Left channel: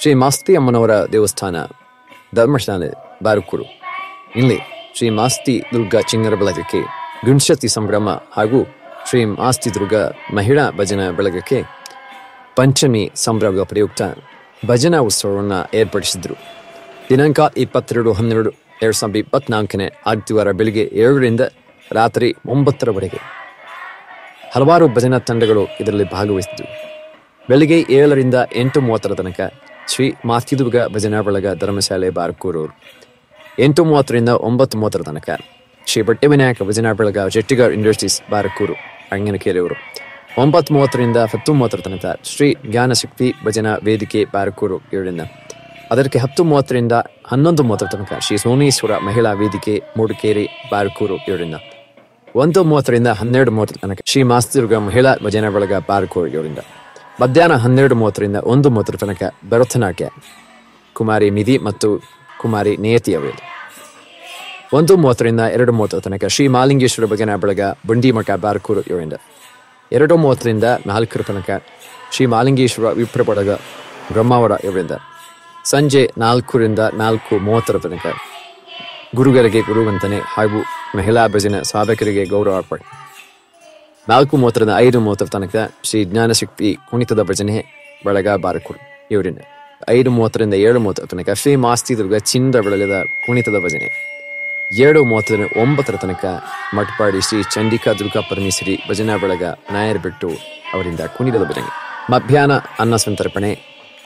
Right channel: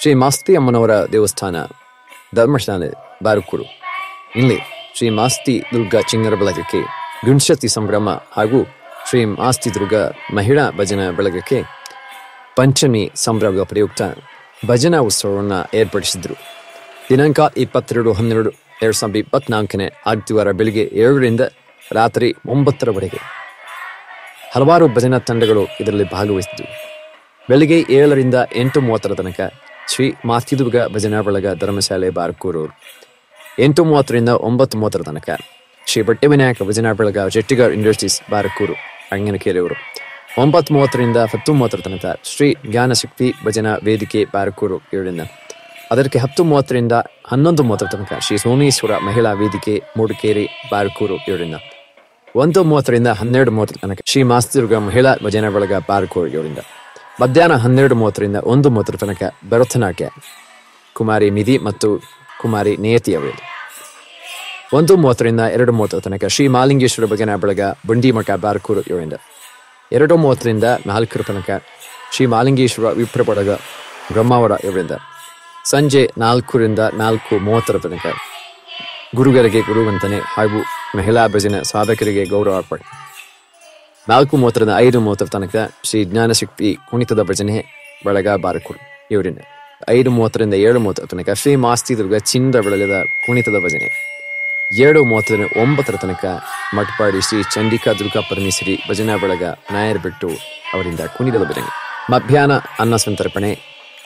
ಶ್ರೀ ಮಾಸ್ತಿ ಅಮ್ಮನವರ ದೇವಸ್ಥಾನ ಧರ್ಮಶಾಲೆ ಬಾರಕೂರು. ಇಲ್ಲಿ ಶ್ರೀ ಮಾಸ್ತಿ ದುರ್ಗಾ ಚಿಣ್ಣರ ಬಳಗಕ್ಕೆ ಗಣಪತಿ ಸಂಭ್ರಮ ಹಾಗೂ ಶ್ರೀ ಮಾಸ್ತಿ ದುರ್ಗಾ ಮಹಿಳಾ ಭಜನಾ ಬಳಗಕ್ಕೆ ಪಂಚಮಿ ಸಂಭ್ರಮದ ಪ್ರಯುಕ್ತ ಭಜನಾ ಉತ್ಸವವನ್ನು ಏರ್ಪಡಿಸಿದ್ರು. ದಿನಾಂಕ 22/12/2024 ಆದಿತ್ಯವಾರ ಬೆಳಿಗ್ಗೆ 7ರಿಂದ ರಾತ್ರಿ 9ರವರೆಗೆ ಹಲವಾರು ಭಜನಾ ತಂಡಗಳು ಇದರಲ್ಲಿ ಭಾಗವಹಿಸಿದ್ದವು. ಬೆಳಿಗ್ಗೆ 7ರಿಂದ 8:30 ತನಕ ಶ್ರೀ ಮಾಸ್ತಿದುರ್ಗ ಭಜನಾ ಬಳಗ ಧರ್ಮಶಾಲೆ ಬಾರಕೂರು, 8:30ರಿಂದ 9:30 ತನಕ ಶ್ರೀ ಬಟ್ಟೆ ವಿನಾಯಕ ಭಜನಾ ಬಳಗ ಜೆಟ್ಟಿಗರ್ ಇಂಡಸ್ಟ್ರೀಸ್ ಬಾರಕೂರು ಅಂಗನಕೆರೆಯವರು, 9:30ರಿಂದ 10:30 ತನಕ ಶ್ರೀ ಜ್ಞಾನಶಕ್ತಿ ಭಜನಾ ವೇದಿಕೆ ಬಾರಕೂರು 7ರಿಂದ, ಅದಕ್ಕೆ 10:30ರಿಂದ 11:30 ತನಕ ಶ್ರೀ ಸೋಮೇಶ್ವರ ಮಹಿಳಾ ವೇದಿಕೆ ಮೂಡಿಕೇರಿ ಬಾರಕೂರು 7ರಿಂದ, 1:30ರಿಂದ 12:30 ತನಕ ಶ್ರೀ ಮಾಸ್ತಿದುರ್ಗ ಮಹಿಳಾ ಭಜನಾ ಬಳಗ ಬಾರಕೂರು 7ರಿಂದ, ಮಧ್ಯಾಹ್ನ 12:30ರಿಂದ 1:30 ತನಕ ಭರತನಾಟ್ಯ ಕುಮಾರಿ ಮಿದಿ ಮತ್ತು ಕುಮಾರಿ ನೇಯತಿ ಅವರಲ್ಲಿ, 1:30ರಿಂದ 2:30 ತನಕ ಶ್ರೀ ಮಾಲಿಂಗೇಶ್ವರ ಭಜನಾ ಬಳಗ ಬಂಡಿಮಠ ಬಾರಕೂರು 7ರಿಂದ, 2:30ರಿಂದ 4 ತನಕ ಶ್ರೀ ಮಾಲಿಂಗೇಶ್ವರ ವಿಪ್ರ ಬಳಗ ಬ್ರಹ್ಮಾವರ 7ರಿಂದ, ಸಂಜೆ 4ರಿಂದ 4:30 ತನಕ ಗುರುಗಳಿಗೆ ಗುರುವಂತನೆ ಹಾಗೂ ಮಹಿಳಾ ಭಜನಾ ಸಾಧಕರಿಗೆ ಗೌರವ ಅರ್ಪಣೆ, 4:30ರಿಂದ 5:30 ತನಕ ಶ್ರೀ ಜ್ಞಾನಶಕ್ತಿ ಕುಣಿತದ ಭಜನೆ ಬಳಗ ಬಾರಕೂರು 7ರಿಂದ, 5:30ರಿಂದ 7:30 ತನಕ ಶ್ರೀ ಮಾಸ್ತಿ ದುರ್ಗ ಚಿನ್ನದ ಬಳಗದ ಕುಣಿತದ ಭಜನೆ, 7:30ರಿಂದ 9 ತನಕ ಮಠಪಾಡಿ ಶ್ರೀ ಚಂಡಿಕಾ ದುರ್ಗಾ ಪರಮೇಶ್ವರಿ ಭಜನಾ ಬಳಗ ನಾಯರ್ಬೆಟ್ಟು ಅವರಿಂದ ಕುಣಿತದ ಭಜನೆ, ಮಧ್ಯಾಹ್ನ ಅನ್ನ ಸಂತರ್ಪಣೆ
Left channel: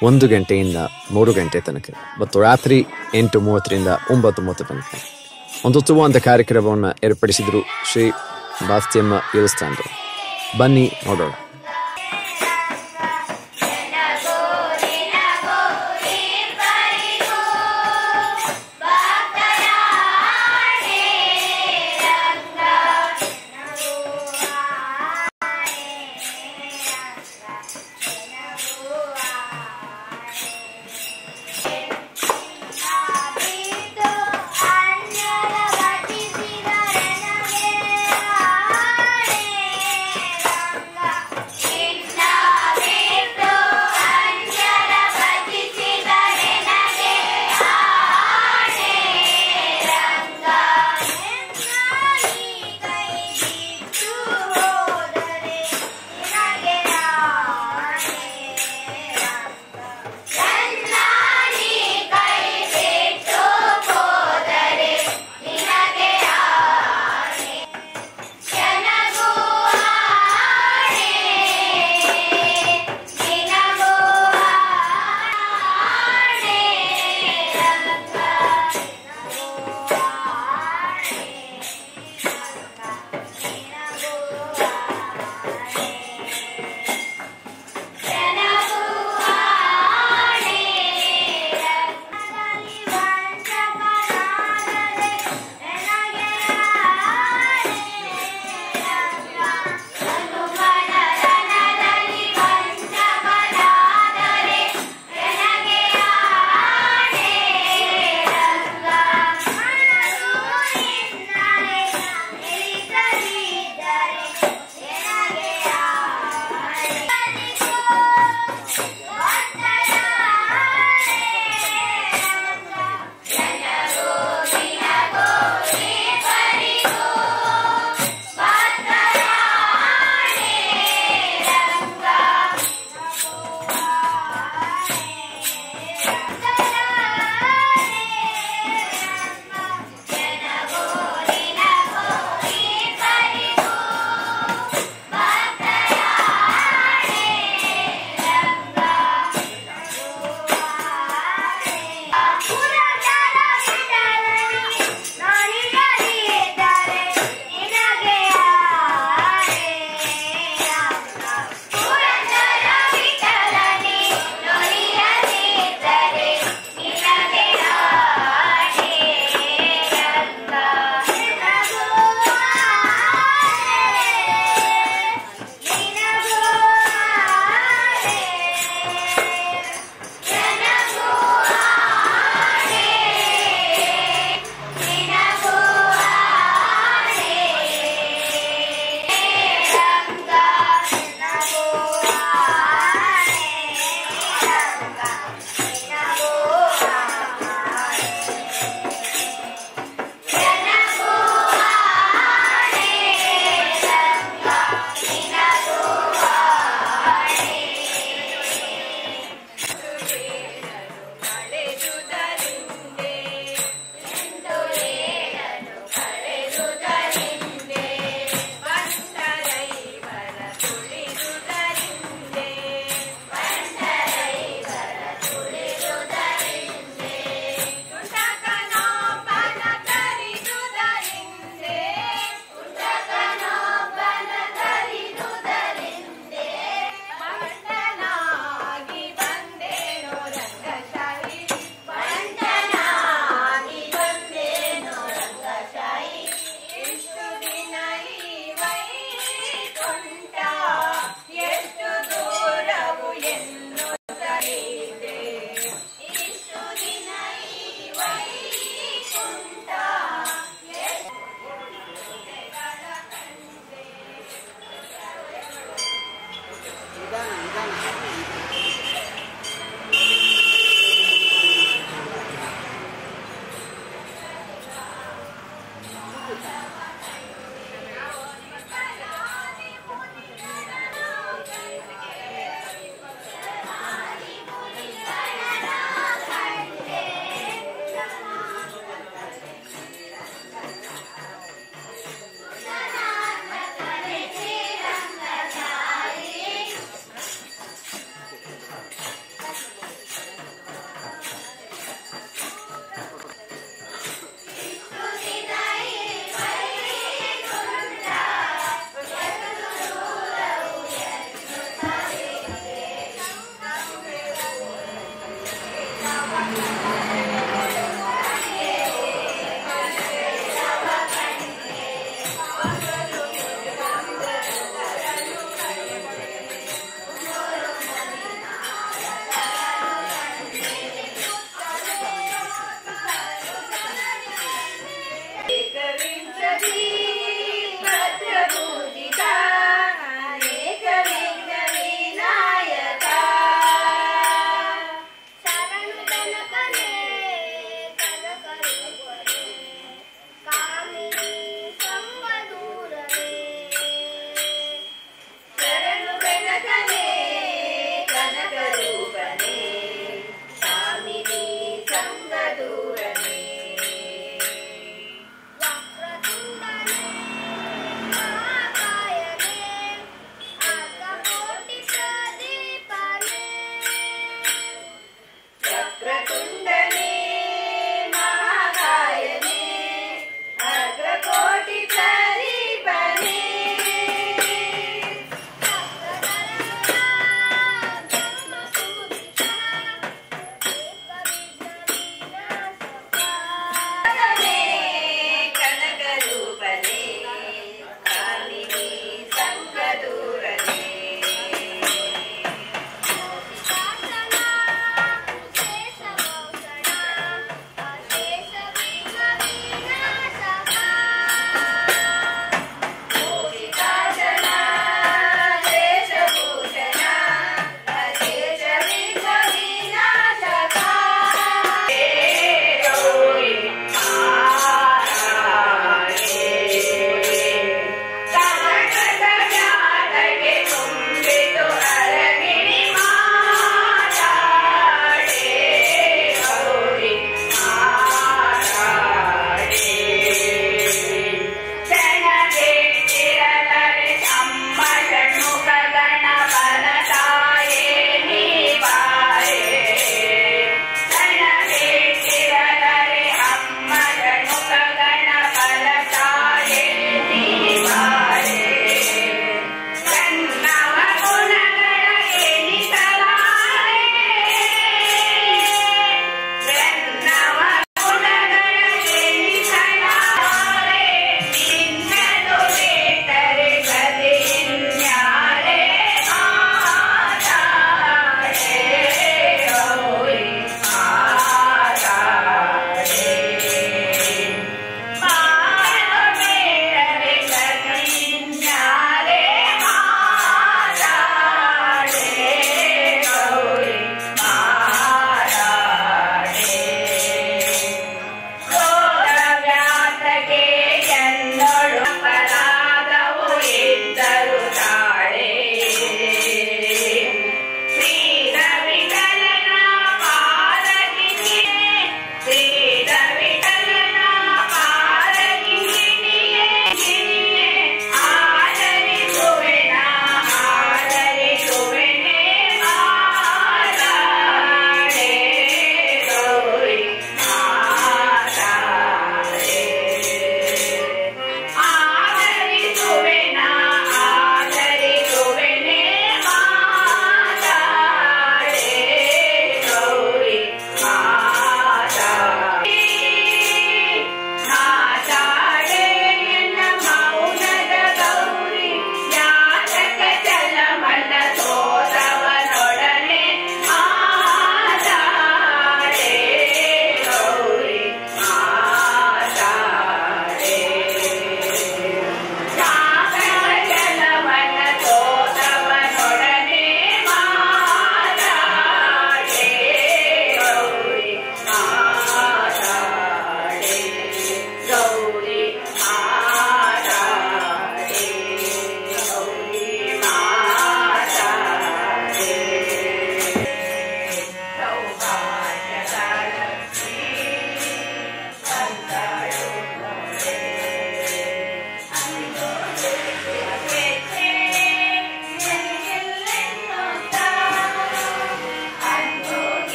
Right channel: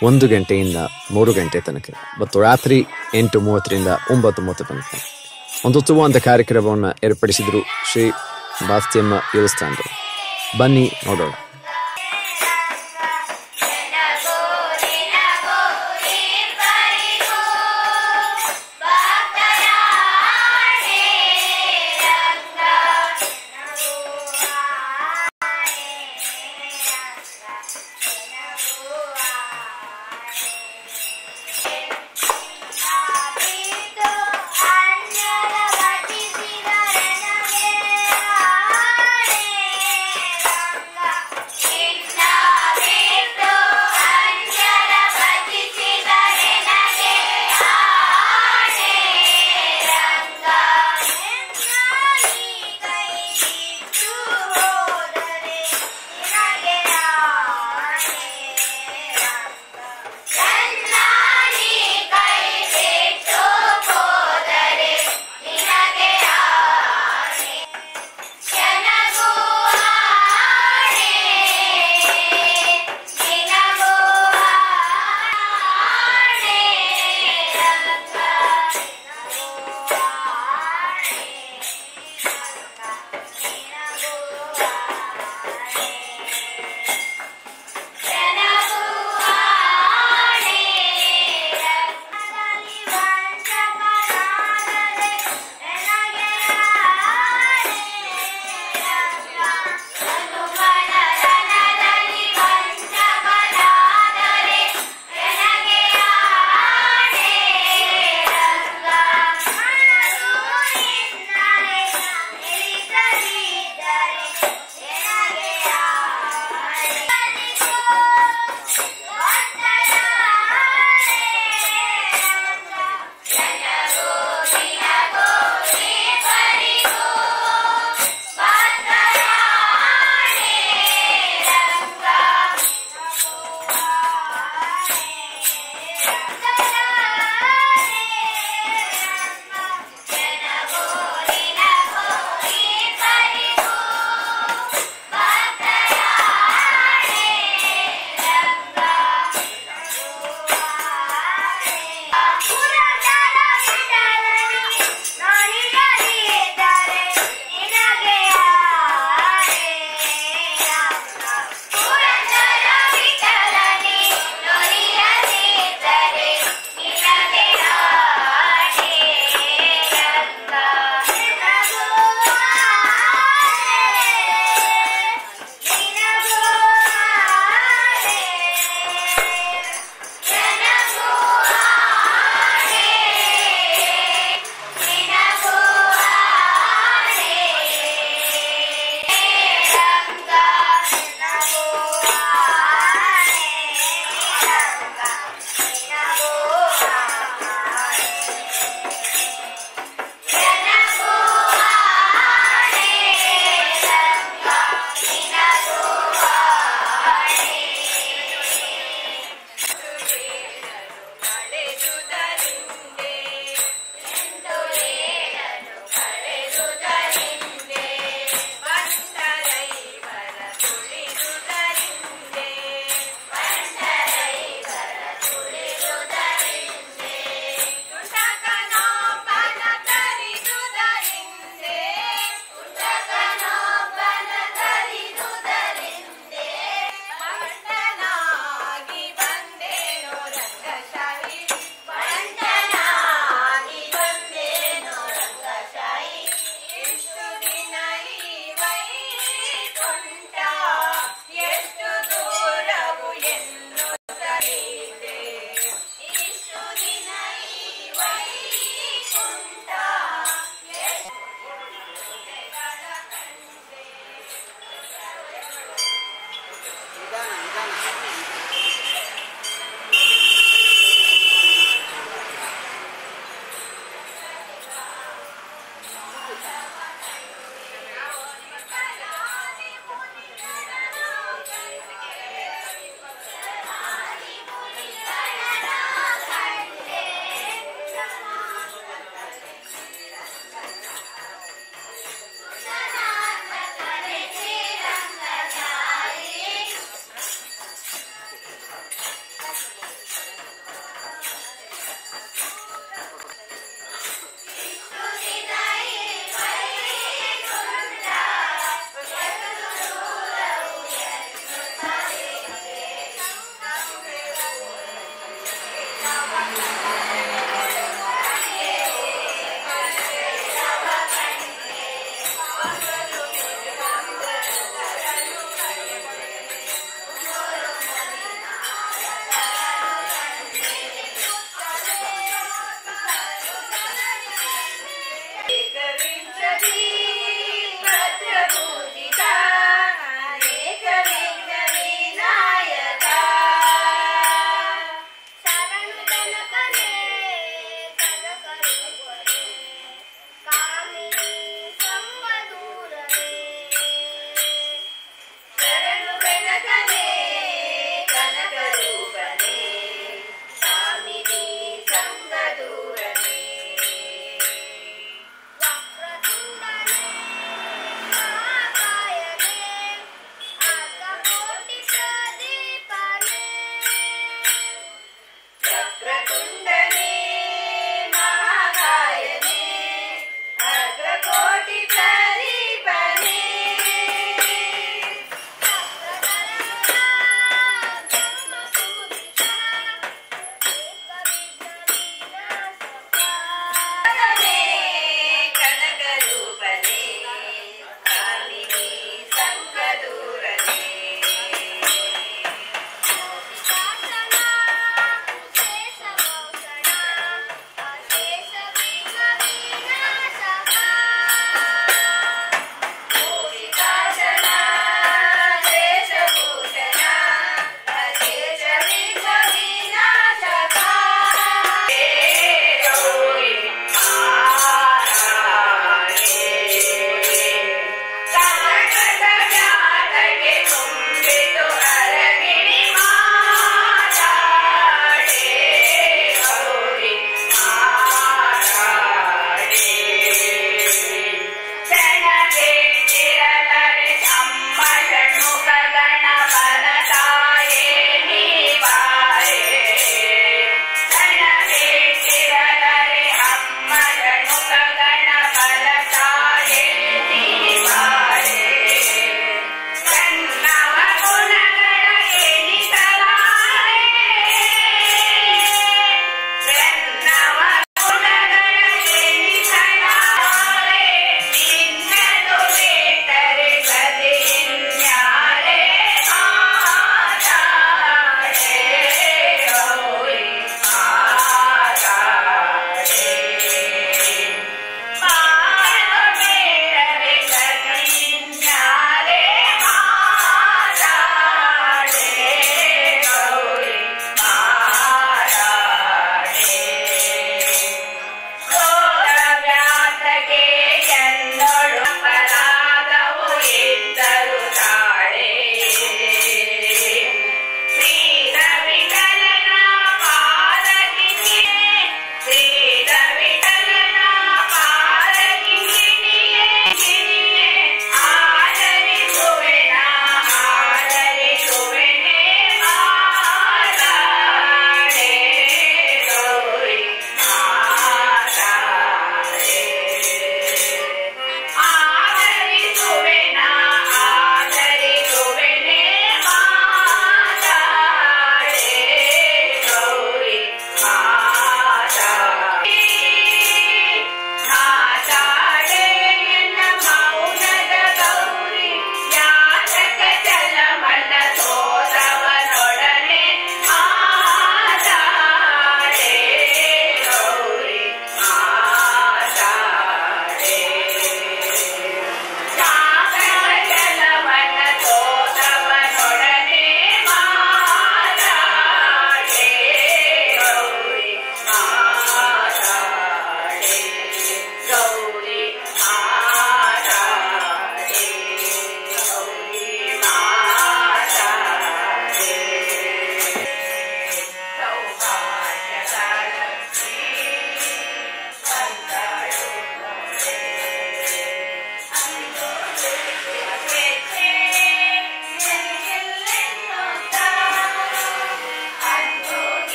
1 ಗಂಟೆಯಿಂದ 3 ಗಂಟೆ ತನಕ ಮತ್ತು ರಾತ್ರಿ 8:30ರಿಂದ 9:30 ತನಕ ಒಂದು ಉತ್ತಮವಾದ ಕಾರ್ಯಕ್ರಮವನ್ನು ಏರ್ಪಡಿಸಿದ್ರು ಶ್ರೀ ಮಾಸ್ತಿಯಮ್ಮ ದೇವಸ್ಥಾನದವರು. ಬನ್ನಿ ನೋಡೋಣ.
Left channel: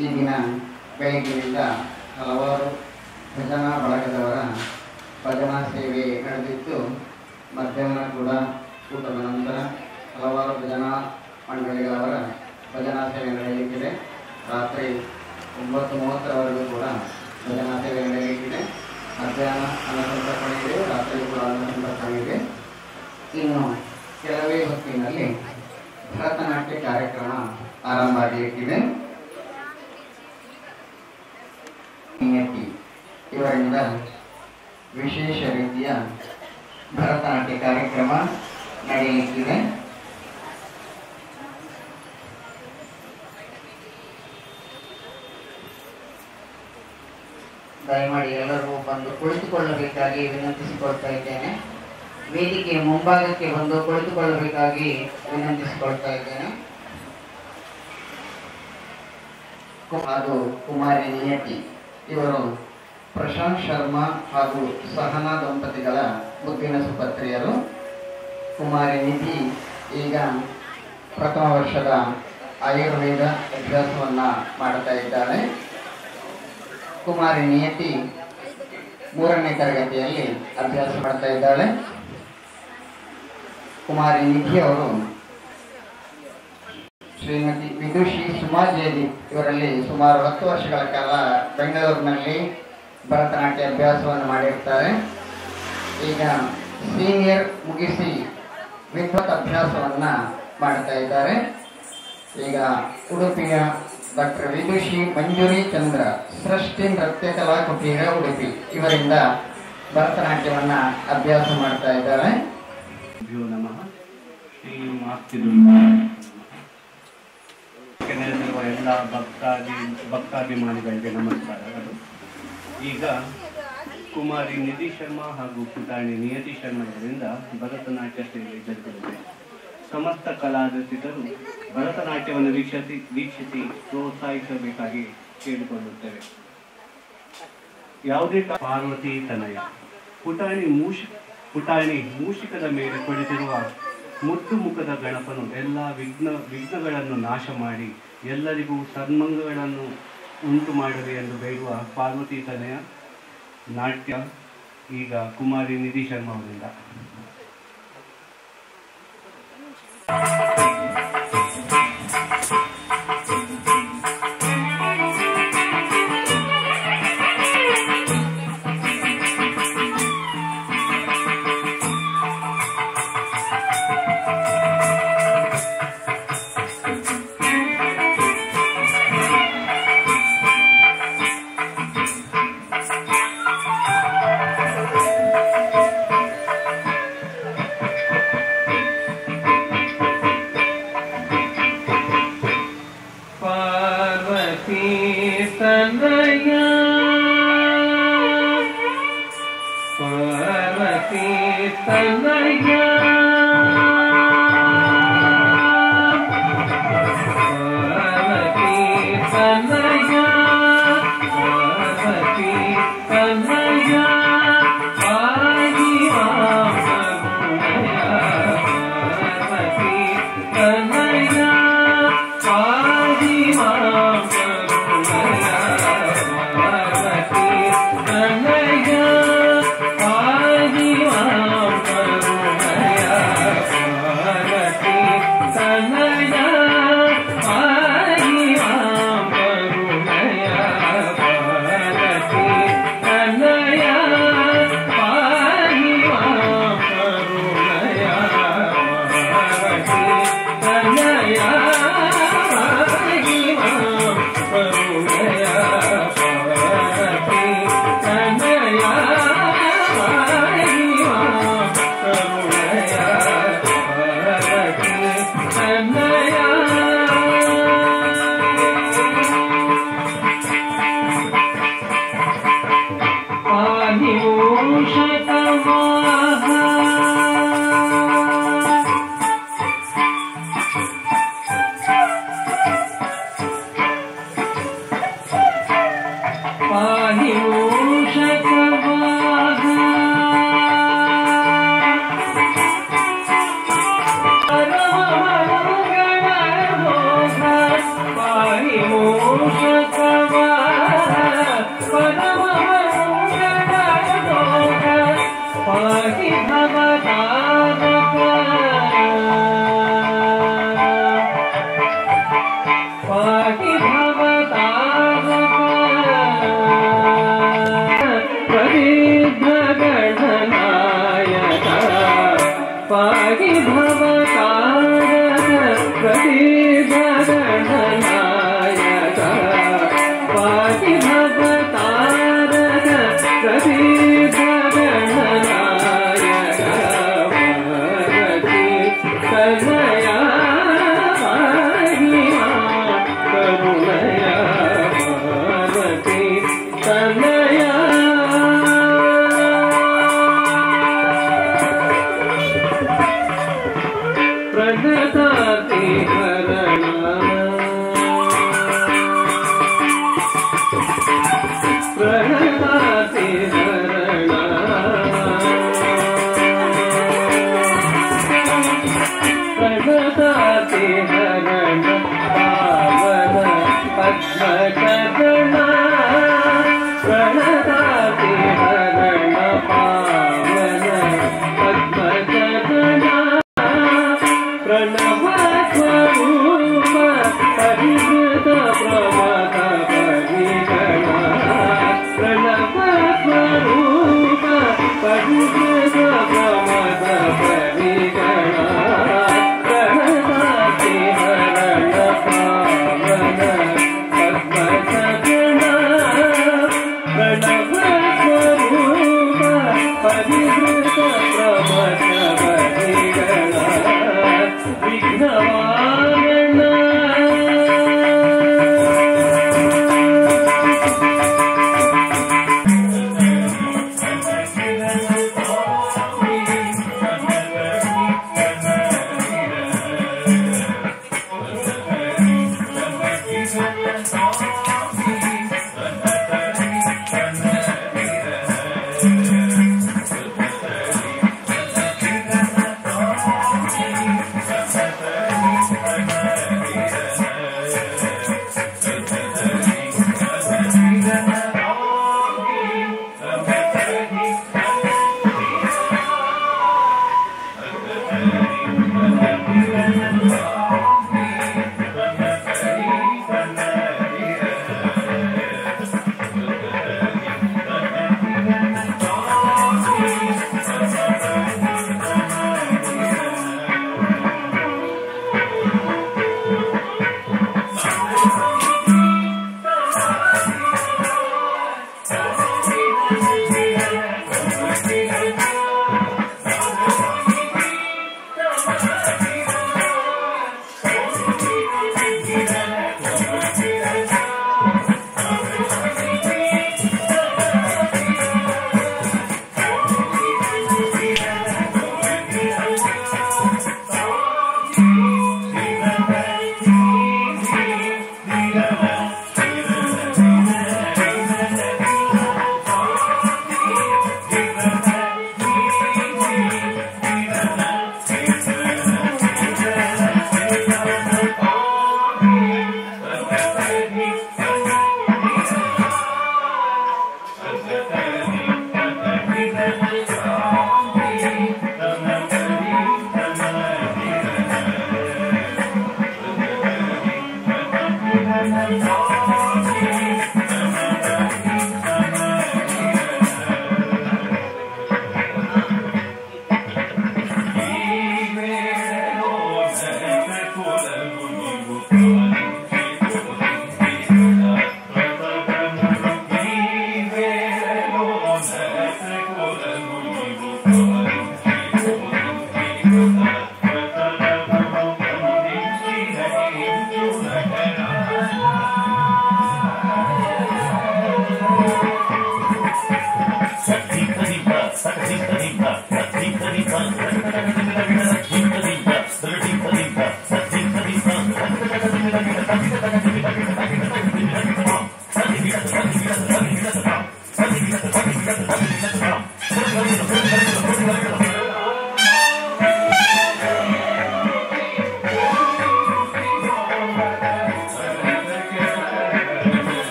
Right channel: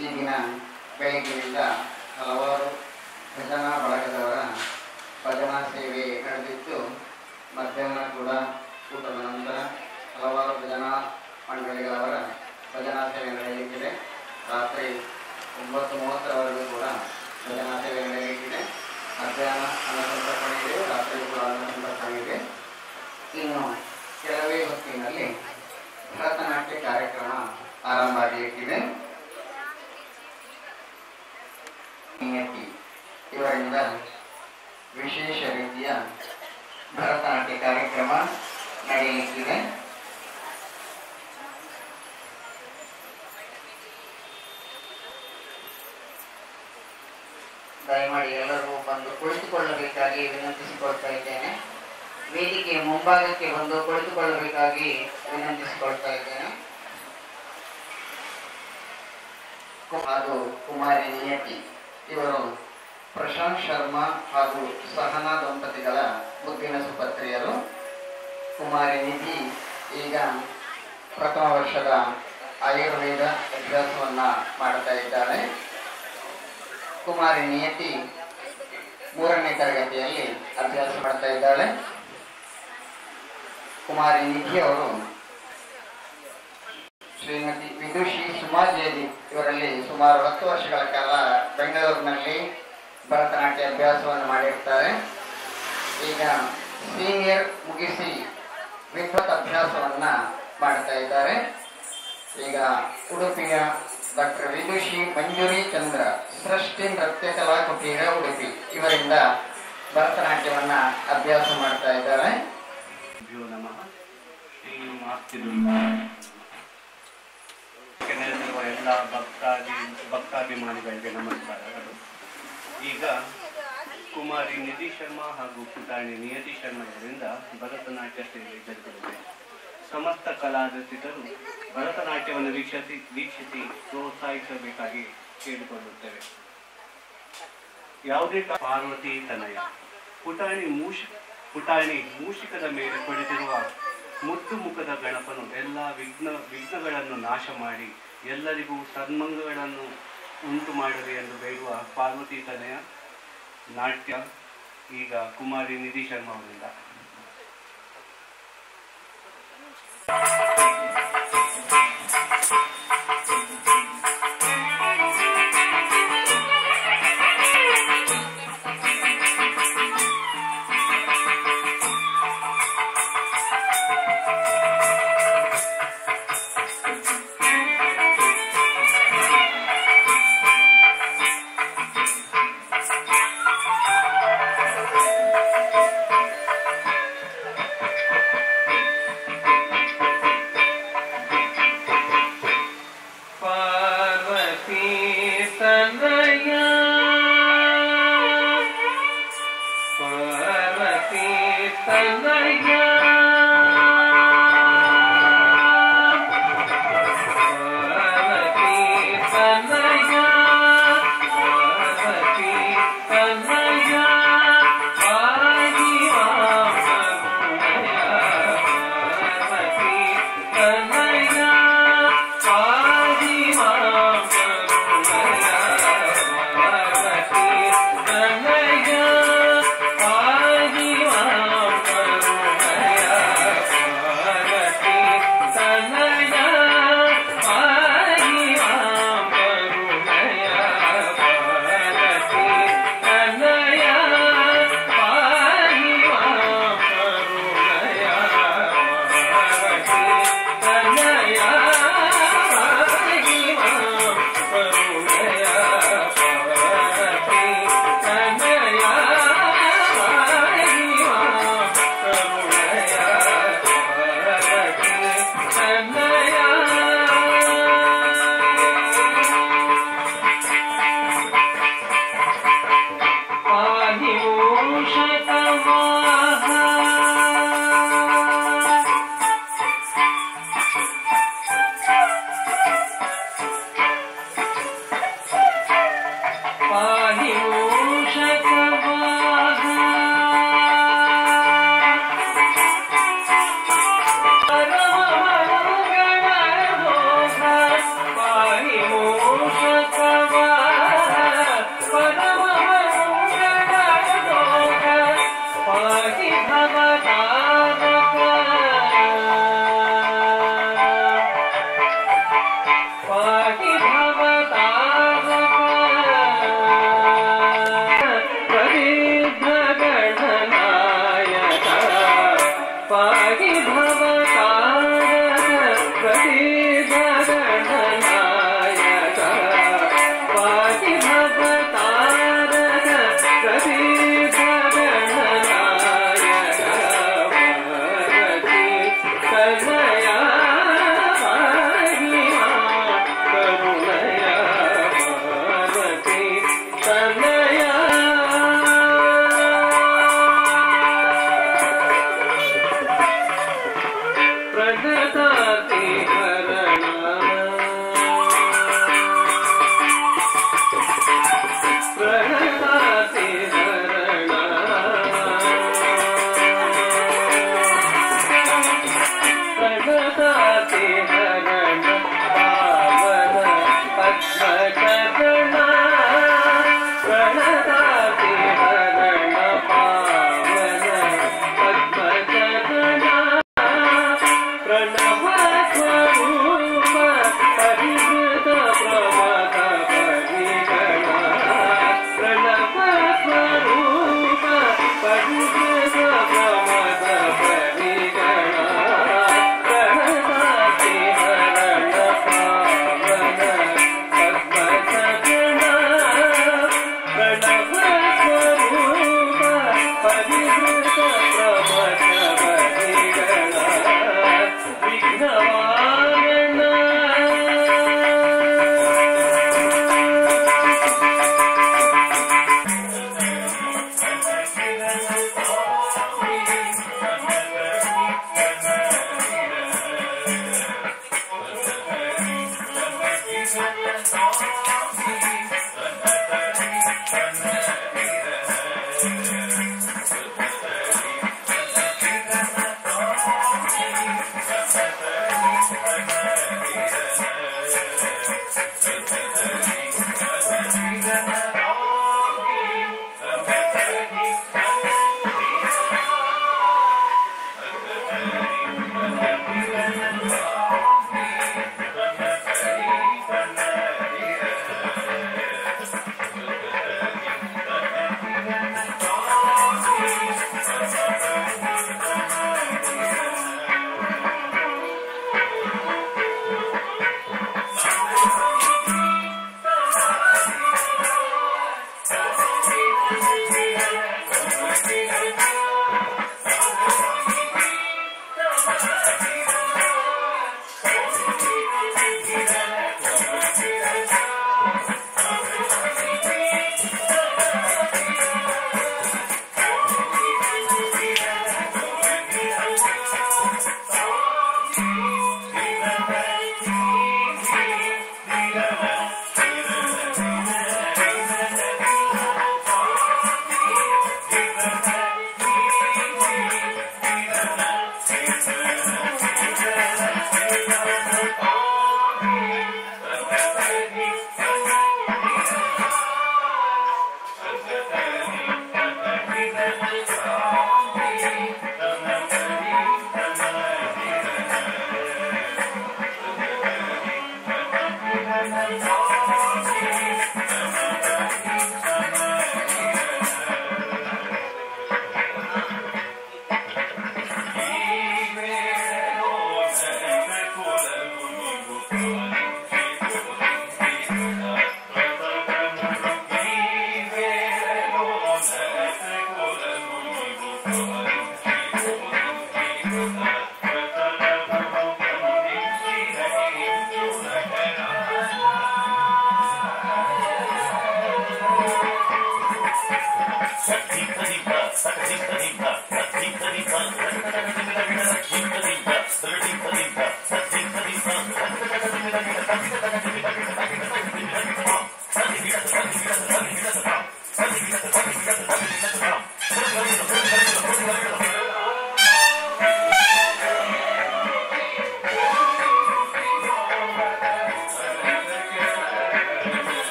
ಈ ದಿನ ಬೆಳಗ್ಗಿನಿಂದ ಹಲವಾರು ಭಜನಾ ಬಳಗದವರ ಭಜನಾ ಸೇವೆ ನಡೆದಿತ್ತು. ಮಧ್ಯಾಹ್ನ ಕೂಡ ಊಟದ ನಂತರ ಹಲವಾರು ಭಜನಾ ಮಂಡಳಿಗಳವರ ಭಜನಾ ಸೇವೆ ನಡೆಯಲಿಕ್ಕಿದೆ. ರಾತ್ರಿ 9:30 ಕೂಡ ಭಜನಾ ಸೇವೆ ನಡೆಯಲಿಕ್ಕಿದೆ. ಮಧ್ಯಾಹ್ನ ಅನ್ನಸಂತರ್ಪಣೆ, ರಾತ್ರಿ ಕೂಡ ಅನ್ನಸಂತರ್ಪಣೆ ಇದೆ. ಇನ್ನು ಕೆಲವೇ ಹೊತ್ತಿನಲ್ಲಿ ಭರತನಾಟ್ಯ ಕಾರ್ಯಕ್ರಮ ಆರಂಭ ಆಗಲಿಕ್ಕಿದೆ. ಇವರಿಂದ ವಿಶೇಷ ರೀತಿಯ ಭರತನಾಟ್ಯ ಕಾರ್ಯಕ್ರಮ ನಡೆಯಲಿಕ್ಕಿದೆ. ದಯಮಾಡಿ ಎಲ್ಲರೂ ಬಂದು ಕುಳಿತುಕೊಳ್ಳಬೇಕಾಗಿ ವಿನಂತಿಸಿಕೊಳ್ತಾ ಇದ್ದೇನೆ. ವೇದಿಕೆ ಮುಂಭಾಗಕ್ಕೆ ಬಂದು ಕುಳಿತುಕೊಳ್ಳಬೇಕಾಗಿ ವಿನಂತಿಸಿಕೊಳ್ತಾ ಇದ್ದೇನೆ. ಹಾಗೂ ಕುಮಾರಿ ನಿಯತಿ ಇವರು ಪ್ರಶಾಂತ್ ಶರ್ಮಾ ಹಾಗೂ ಸಹನಾ ದಂಪತಿಗಳ ಮುದ್ದಿನ ಸುಪತ್ರಿಯರು. ಕುಮಾರಿ ನಿಧಿ ಈಗ ಪ್ರಥಮ ವರ್ಷದ ಆಯುರ್ವೇದ ಅಭ್ಯಾಸವನ್ನ ಮಾಡ್ತಾ ಇದ್ದಾಳೆ. ಕುಮಾರಿ ನಿಯತಿ 3ನೇ ತರಗತಿಯಲ್ಲಿ ಅಭ್ಯಾಸ ಮಾಡ್ತಾ ಇದ್ದಾಳೆ. ಕುಮಾರಿ ನಿಧಿ ಅವರು ಶ್ರೀಮತಿ ವಿದುಷಿ ಸುಮಾಜೇದಿ ಇವರಲ್ಲಿ ಸುಮಾರು 10 ವರ್ಷಗಳ ಕಾಲ ಬೆಂಗಳೂರಿನಲ್ಲಿ ಭರತನಾಟ್ಯ ಅಭ್ಯಾಸವನ್ನು ಮಾಡಿರ್ತಾರೆ. ಈಗ ಸೀನಿಯರ್ ಮುಗಿಸಿ ವಿದ್ವತ್ ಅಭ್ಯಾಸವನ್ನ ಮಾಡ್ತಾ ಇದ್ದಾರೆ. ಈಗ ಉಡುಪಿಯ ಡಾಕ್ಟರ್ ವಿದುಷಿ ಮಂಜುರಿ ಚಂದ್ರ ಸೃಷ್ಟಿ ನೃತ್ಯ ಕಲಾ ಕುಟೀರ ಉಡುಪಿ ಇವರಿಂದ ಭರತನಾಟ್ಯವನ್ನ ಅಭ್ಯಾಸ ಮಾಡ್ತಾ ಇದ್ದಾರೆ. ಎಲ್ಲ ಭಕ್ತಾಭಿಮಾನಿಗಳಿಗೆ ನಮಸ್ಕಾರಗಳು. ಈಗ ಕುಮಾರಿ ನಿಧಿ ಶರ್ಮಾ ಹಾಗೂ ಪುಟಾಣಿ ನಿಯತಿ ಶರ್ಮಾ ಅವರಿಂದ ಭರತನಾಟ್ಯ ಸೇವೆ ಜರುಗಲಿದೆ. ಸಮಸ್ತ ಕಲಾರಸಿಕರು ಭರತನಾಟ್ಯವನ್ನು ವೀಕ್ಷಿಸಿ ಪ್ರೋತ್ಸಾಹಿಸಬೇಕಾಗಿ ಕೇಳಿಕೊಳ್ಳುತ್ತೇವೆ. ಯಾವುದೇ ಪಾರ್ವತಿ ತನಯ ಪುಟಾಣಿ ಮೂಷಿಕದ ಮೇಲೆ ಕುಳಿತಿರುವ ಮುದ್ದು ಮುಖದ ಗಣಪನು ಎಲ್ಲ ವಿಘ್ನಗಳನ್ನು ನಾಶ ಮಾಡಿ ಎಲ್ಲರಿಗೂ ಸನ್ಮಂಗಗಳನ್ನು ಉಂಟು ಮಾಡಲಿ ಎಂದು ಬೇಡುವ ಪಾರ್ವತಿ ತನಯ ನಾಟ್ಯ ಈಗ ಕುಮಾರಿ ನಿಧಿ ಶರ್ಮಾ ಅವರಿಂದ. Thank you. ಪ್ರಣತಾತಿ ಹರಣ ಪ್ರಣತಾತಿ ಹರಣ ಪಾವನ ಪದ್ಮಚರಣ ಪ್ರಣತಾತಿ ಹರಣ ಪಾವನ ಪದ್ಮಚರಣ ಪ್ರಣವ ಸ್ವರೂಪ ಪರಿಹೃತ ಪ್ರಮಥ ಪರಿಗಣ ಪ್ರಣವ ಸ್ವರೂಪ ಪರಿಹೃತ ಪ್ರಮಥ ಪರಿಗಣ ಪ್ರಣತಾತಿ ಹರಣ ಪಾವನ ಪದ್ಮಚರಣ ಪ್ರಣವ ಸ್ವರೂಪ ಪರಿಹೃತ ಪ್ರಮಥ ಪರಿಗಣ ವಿಘ್ನವಾರಣ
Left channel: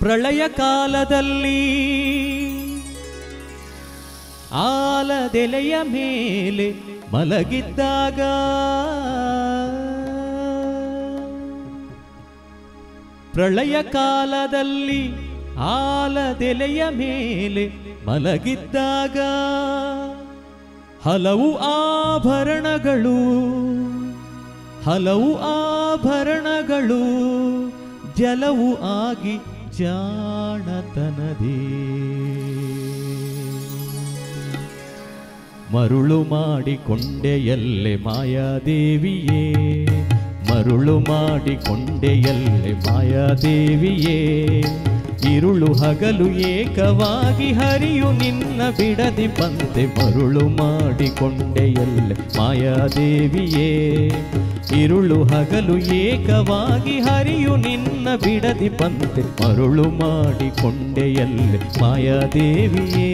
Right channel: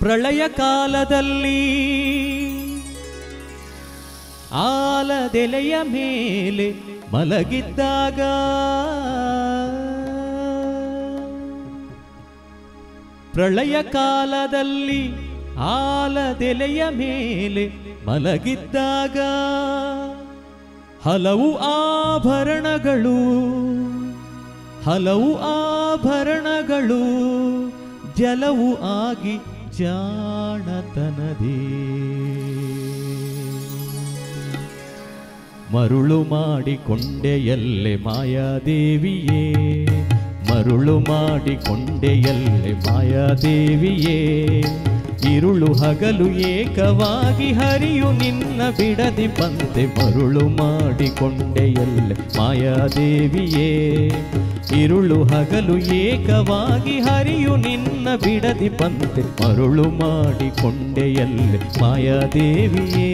ಪ್ರಳಯ ಕಾಲದಲ್ಲಿ ಆಲದೆಲೆಯ ಮೇಲೆ ಮಲಗಿದ್ದಾಗ ಪ್ರಳಯ ಕಾಲದಲ್ಲಿ ಆಲದೆಲೆಯ ಮೇಲೆ ಮಲಗಿದ್ದಾಗ ಹಲವು ಆಭರಣಗಳು ಜಲವು ಆಗಿ ಜಾಣತನದೇ ಮರುಳು ಮಾಡಿಕೊಂಡೆಯಲ್ಲೆ ಮಾಯಾದೇವಿಯೇ ಮರುಳು ಮಾಡಿಕೊಂಡೆಯಲ್ಲೆ ಮಾಯಾದೇವಿಯೇ ಇರುಳು ಹಗಲು ಏಕವಾಗಿ ಹರಿಯು ನಿನ್ನ ಬಿಡದಿ ಬಂತೆ ಮರುಳು ಮಾಡಿಕೊಂಡೆಯಲ್ಲೆ ಮಾಯಾದೇವಿಯೇ ಇರುಳು ಹಗಲು ಏಕವಾಗಿ ಹರಿಯು ನಿನ್ನ ಬಿಡದಿ ಬಂತೆ ಮರುಳು ಮಾಡಿಕೊಂಡೆಯಲ್ಲೆ ಮಾಯಾದೇವಿಯೇ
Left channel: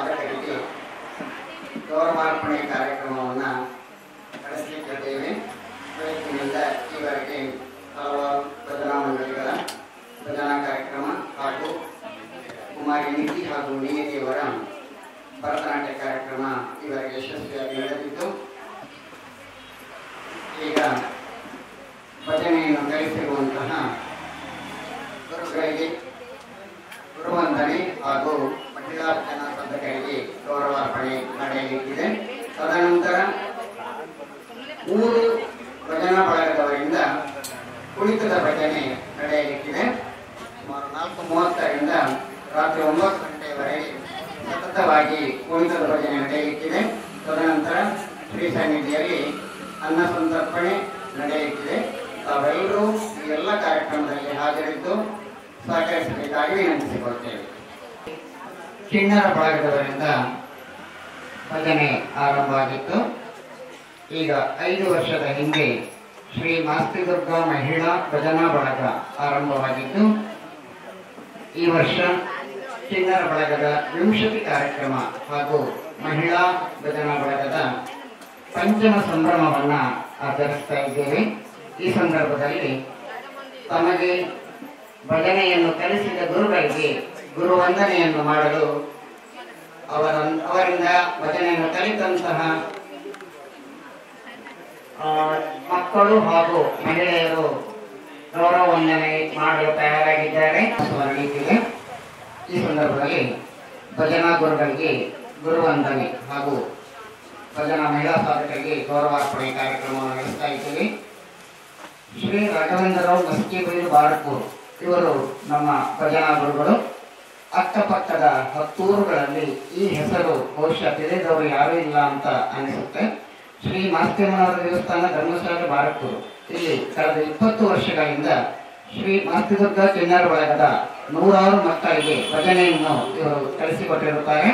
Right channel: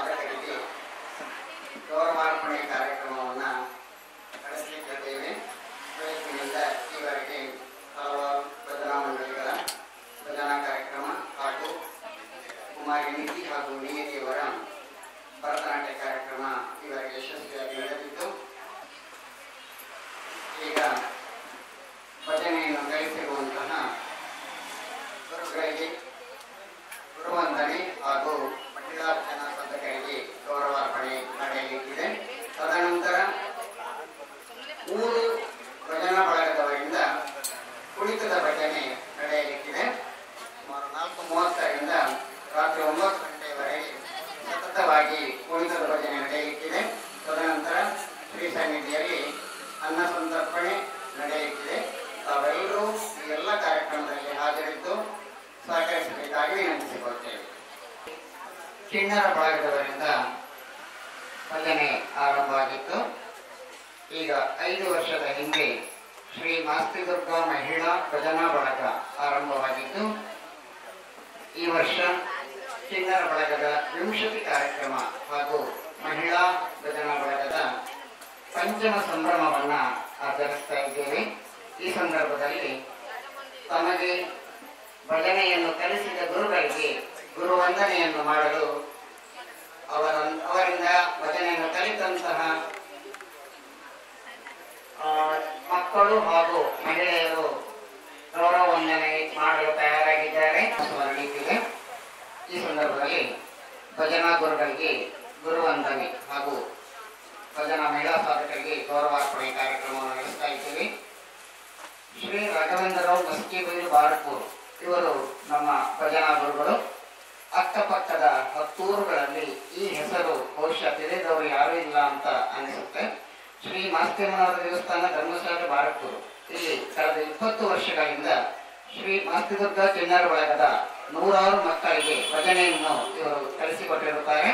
ಸಾಧಕರಿಗೆ ಗೌರವಾರ್ಪಣೆ ಕಾರ್ಯಕ್ರಮವನ್ನು ನಡೆಸಲಿಕ್ಕಿದ್ದೇವೆ. ಇವತ್ತಿನಿಂದ ಈವರೆಗೆ ಹಲವಾರು ಭಜನಾ ಮಂಡಳಿಗಳ ಭಜನಾ ಕಾರ್ಯಕ್ರಮ ಹಾಗೂ ಕುಮಾರಿ ನಿಧಿ ಹಾಗೂ ನಿಯತಿಯವರ ಭರತನಾಟ್ಯ ಕಾರ್ಯಕ್ರಮ ಇವರಿಗೆ ಯಶಸ್ವಿಯಾಗಿ ನಡೆದಿದ್ದು, ಈಗ ಭಜನೆಯನ್ನು ಕಲಿಸಿರುವಂತಹ ಗುರುಗಳಿಗೆ ಗುರುವಂದನೆ ಹಾಗೂ ಮಹಿಳಾ ಭಜನಾ ಸಾಧಕರಿಗೆ ಗೌರವಾರ್ಪಣೆ ನಡೆಯಲಿಕ್ಕಿದೆ. ತದನಂತರ 3 ಭಜನಾ ಬಳಗದವರಿಂದ ಕುಣಿತದ ಭಜನೆ ನಡೆಯಲಿಕ್ಕಿದೆ. ಸುಮಾರು 4:30ರಿಂದ ರಾತ್ರಿ 9 ಗಂಟೆಯವರೆಗೆ ಸತತವಾಗಿ ಕುಣಿತದ ಭಜನೆ ನಡೆಯಲಿಕ್ಕಿದೆ. ತದನಂತರ ಶ್ರೀ ಸನ್ನಿಧಿಯಲ್ಲಿ ಅನ್ನ ಸಂತರ್ಪಣೆ ನಡೆಯಲಿಕ್ಕಿದೆ. ತಾವೆಲ್ಲರೂ ಈ ಎಲ್ಲ ಕಾರ್ಯಕ್ರಮದಲ್ಲಿ ಹಾಜರಿದ್ದು ಸಹಕರಿಸಬೇಕಾಗಿ ವಿನಂತಿಸಿಕೊಳ್ತೇವೆ. ಕಿನ್ನರ ಬಳಗದವರಿಂದ ಭಜನೆ ಆರಂಭವಾಗಿತ್ತು. ಈಗ 5 ವರ್ಷದ ಹಿಂದೆ ಶ್ರೀ ಮಾಸ್ತಿದುರ್ಗ ಮಹಿಳಾ ಭಜನಾ ಬಳಗ ಆರಂಭವಾಗಿದ್ದು, ಈ ವರ್ಷ ಕಿನ್ನರ ಬಳಗದ 20 ಕಾರ್ಯಕ್ರಮ ಹಾಗೂ ಮಹಿಳಾ ಭಜನಾ ಬಳಗದ ಪಂಚಮ ಸಂಭ್ರಮವನ್ನ ಆಚರಿಸ್ತಾ ಇದ್ದೇವೆ. ಈ ಸಂದರ್ಭದಲ್ಲಿ ತಮಗೆ ಭಜನೆಯನ್ನು ಕಲಿಸಿದ ಗುರುಗಳಿಗೆ ಗುರುವಂದನೆಯನ್ನು ಮಾಡಲು ಅವರಿಂದ ಭಜನೆಯನ್ನು ಕಲಿತಂತಹ ಮಕ್ಕಳು ಹಾಗೂ ಮಹಿಳೆಯರು ಗೌರವ ವಂದನೆ ಮಾಡಲು ತಯಾರಾಗಿದ್ದಾರೆ. ಸ್ಮರಣೀತಿದೆ. ಈ ಸಂದರ್ಭದಲ್ಲಿ ಭಜನಾ ಗುರುಗಳಿಗೆ ಗುರುವಂದನೆ ಹಾಗೂ ಭಜನಾ ಮಹಿಳಾ ಸಾಧಕರಿಗೆ ಗೌರವಾರ್ಪಣೆ ಕಾರ್ಯಕ್ರಮವನ್ನು ನಡೆಸ್ತಾ ಇದ್ದೇವೆ. ಶ್ರೀ ರಾಘವೇಂದ್ರರಾವ್ ಮಸ್ಕಿಬೈಲು ಬಾರಕೂರು ಇವರು ನಮ್ಮ ಭಜನಾ ಗುರುಗಳು. ಅಕ್ಕಪಕ್ಕದ ಹತ್ತೂರುಗಳಲ್ಲಿ ಈ ಹೆಸರು ಬಹುಶಃ ತಿಳಿದವರು ಯಾರೂ ಇಲ್ಲ ಅಂತ ಅನಿಸುತ್ತೆ. ಶ್ರೀ ಮಾಸ್ತಿಯಮ್ಮನವರ ದೇವಸ್ಥಾನ ಧರ್ಮಶಾಲೆ ಬಾರಕೂರು. ಇಲ್ಲಿ ಕಳೆದ 20 ವರ್ಷಗಳಿಂದ ಶ್ರೀ ಮಾಸ್ತಿದುರ್ಗ ಕಿನ್ನರ ಬಳಗದ 100 ಮಕ್ಕಳಿಗೆ ಭಜನೆಯನ್ನು ಇವರು ಕಲಿಸಿಕೊಟ್ಟಿರುತ್ತಾರೆ.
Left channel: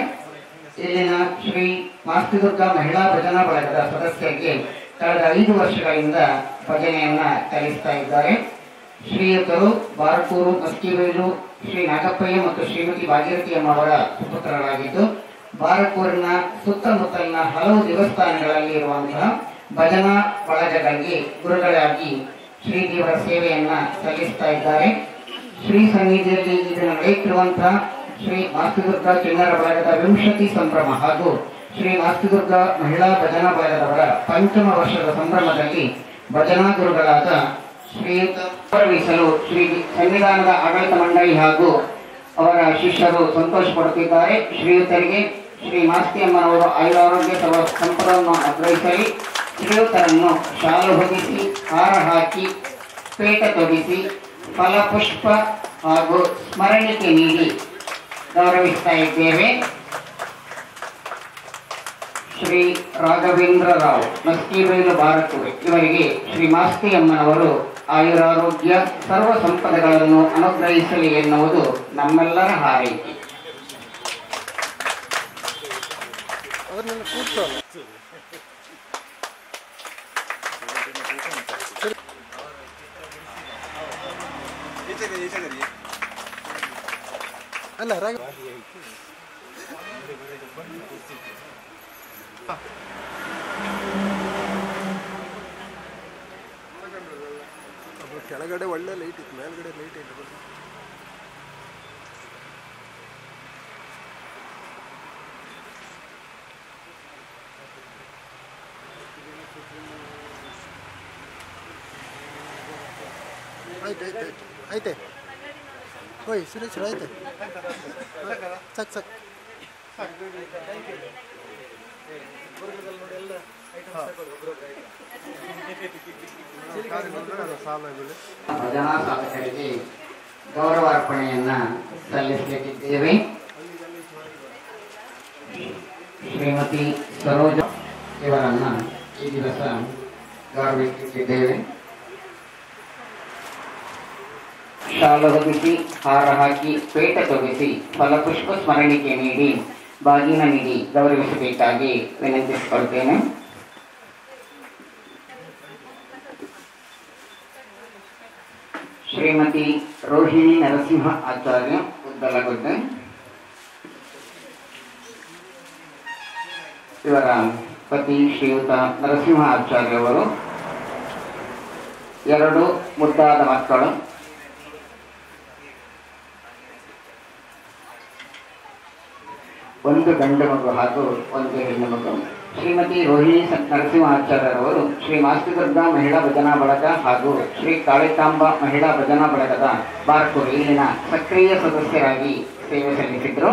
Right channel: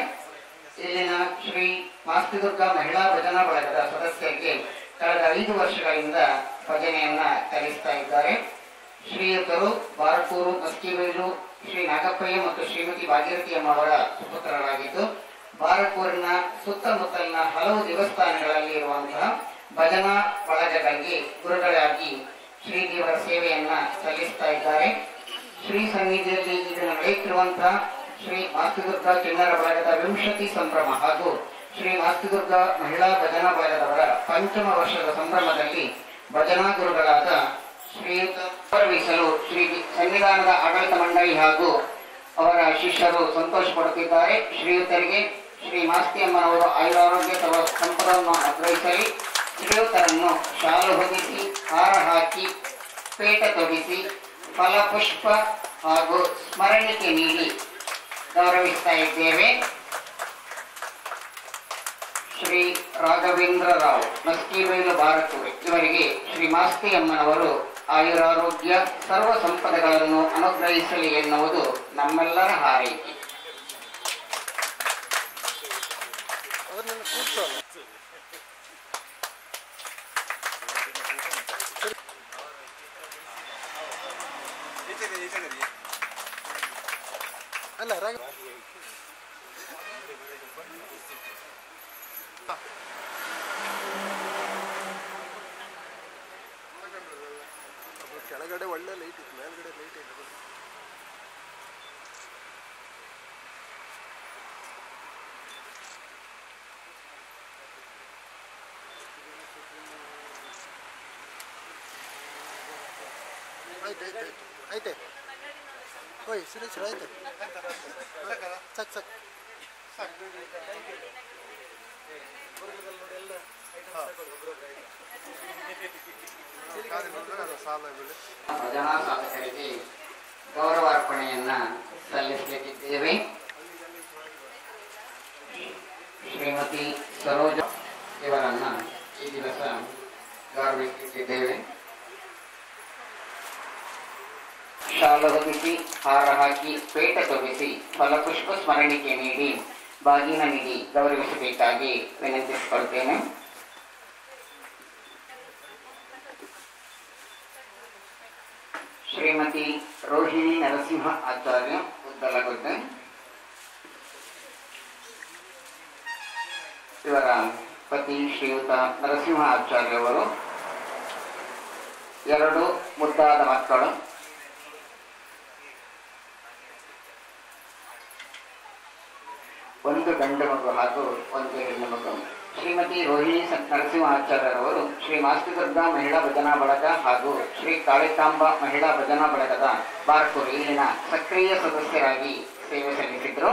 ಇಲ್ಲಿನ ಶ್ರೀ ಮಾಸ್ತಿದುರ್ಗ ಮಹಿಳಾ ಭಜನಾ ಬಳಗದ ಸದಸ್ಯರಿಗೆ ಕಳೆದ 5 ವರ್ಷಗಳಿಂದ ಭಜನೆಯನ್ನ ಕಲಿಸ್ತಾ ಇದ್ದಾರೆ. ಶ್ರೀಯುತರು ಬಾರಕೂರು ಮಸ್ಕಿಬೈಲು ಶ್ರೀ ನಾಗಪ್ಪಯ್ಯ ಮತ್ತು ಶ್ರೀಮತಿ ಭಾಗೀರಥಿ ಅಮ್ಮವರ ಸುಪುತ್ರರಾಗಿದ್ದು, ಬಾರಕೂರಿನ ಸುತ್ತಮುತ್ತಲಿನ ಹಲವು ದೇವಸ್ಥಾನಗಳಲ್ಲಿ ಇರುವಂತಹ ಭಜನಾ ಬಳಗಗಳಿಗೆ ಗುರುಗಳಾಗಿ ಶ್ರೀದೇವರ ಸೇವೆಯನ್ನ ಸಲ್ಲಿಸ್ತಾ ಇದ್ದಾರೆ. ಶ್ರೀ ಸನ್ನಿಧಿಯಲ್ಲಿ ಇದನ್ನು ನಡೆಯುತ್ತಿರುವಂತಹ ಶ್ರೀ ಮಾಸ್ತಿದುರ್ಗ ಕಿನ್ನರ ಬಳಗದ 20 ಸಂಭ್ರಮ ಹಾಗೂ ಶ್ರೀ ಮಾಸ್ತಿದುರ್ಗ ಮಹಿಳಾ ಭಜನಾ ಬಳಗದವರ ಪಂಚಮ ವರ್ಷದ ಸಂಭ್ರಮದಲ್ಲಿ ಭಜನಾ ಗುರುಗಳಾದ ಶ್ರೀಯುತ ಗೌರವಿಸಲು ಶ್ರೀ ಸಂವಿಧಾನದ ಆಡಳಿತ ಮಂಡಳಿ ಹಾಗೂ ಅವರ ಶಿಷ್ಯರು ಸಂತೋಷ ಪಡುತ್ತಿದ್ದಾರೆ. ಶ್ರೀಯುತರಿಗೆ ಶ್ರೀ ಮಾಸ್ತಿಯಮ್ಮನವರು ಆಯುರಾರೋಗ್ಯ ಸಂಪದವನ್ನು ಅಗ್ರಹಿಸಲಿ. ಶ್ರೀಯುತರನ್ನು ಶಾಲು ಹೊದಿಸಿ, ಹಾರ ಹಾಕಿ, ಪೇಟ ತೊಡಿಸಿ, ಫಲಪುಷ್ಪ ಹಾಗೂ ಸ್ಮರಣಿಕೆ ನೀಡಿ ಗೌರವಿಸ್ತಾ ಇದ್ದೇವೆ. ಶ್ರೀ ರಾಘವೇಂದ್ರ ರಾವ್ ಮಸ್ಕಿಬೈಲು ಬಾರಕೂರು ಇವರಿಗೆ ಶ್ರೀ ಮಾಸ್ತಿಯಮ್ಮನವರು ಆಯುರಾರೋಗ್ಯ ಸರ್ವ ಸಂಪದಗಳನ್ನು ಅನುಗ್ರಹಿಸಲಿ ಎನ್ನುವುದು ನಮ್ಮೆಲ್ಲರ ಹಾರೈಕೆ. ಕೆಳಗಡೆ ಒಳ್ಳೆ ಲೈಟ್ ಇತ್ತು, ಮೇಲ್ಗಡೆ ಲೈಟ್ ಇಲ್ಲ. ಐತೆ ಓಯ್ ಸುರೇಶ್ ಐತೆ ಸಾಕು ಸಾಕು ನೋಡಿ ಎಲ್ಲ ಭಜನಾ ಸಾಧಕರಿಗೆ ಗೌರವಾರ್ಪಣೆಯನ್ನ ಸಲ್ಲಿಸಲಿಕ್ಕಿದ್ದೇವೆ. ಶ್ರೀಮತಿ ಸರೋಜ ಇವರನ್ನ ಈ ದಿವಸ ಗೌರವಿಸುತ್ತಿದ್ದೇವೆ. ಶಾಲು ಹೊದಿಸಿ, ಹಾರ ಹಾಕಿ, ಪೇಟ ತೊಗಿಸಿ, ಫಲಪುಷ್ಪ ಸ್ಮರಣಿಕೆ ನೀಡಿ, ಬಾಗಿನ ನೀಡಿ ಗೌರವಿಸಬೇಕಾಗಿ ವಿನಂತಿಸಿಕೊಳ್ತೇನೆ. ಶ್ರೀಮತಿ ರೋಹಿಣಿ ನರಸಿಂಹ ಆಚಾರ್ಯ ಉದ್ದಲಗುಡ್ಡೆ, ಇವರ ಪತಿ ಶ್ರೀಯುತ ನರಸಿಂಹ ಆಚಾರ್ಯವರು, 2 ಮುದ್ದಾದ ಮಕ್ಕಳು, ಒಂದು ಗಂಡು ಮಗು ಹಾಗೂ ಒಂದು ಹೆಣ್ಣು ಮಗು. ಶ್ರೀಮತಿ ರೋಹಿಣಿ ನರಸಿಂಹಾಚಾರ್ಯರವರು ಶ್ರೀ ಮಾಸ್ತಿದುರ್ಗಾ ಮಹಿಳಾ ಭಜನಾ ಬಳಗ ಹಾಗೂ ಶ್ರೀ ಕಾಳಿಕಾಂಬ ಮಹಿಳಾ ಭಜನಾ ಬಳಗದ ಬಾರ್ಕೂರು ಇಲ್ಲಿನ ಸಕ್ರಿಯ ಸದಸ್ಯರಾಗಿ ಸೇವೆ ಸಲ್ಲಿಸಿದ್ರು.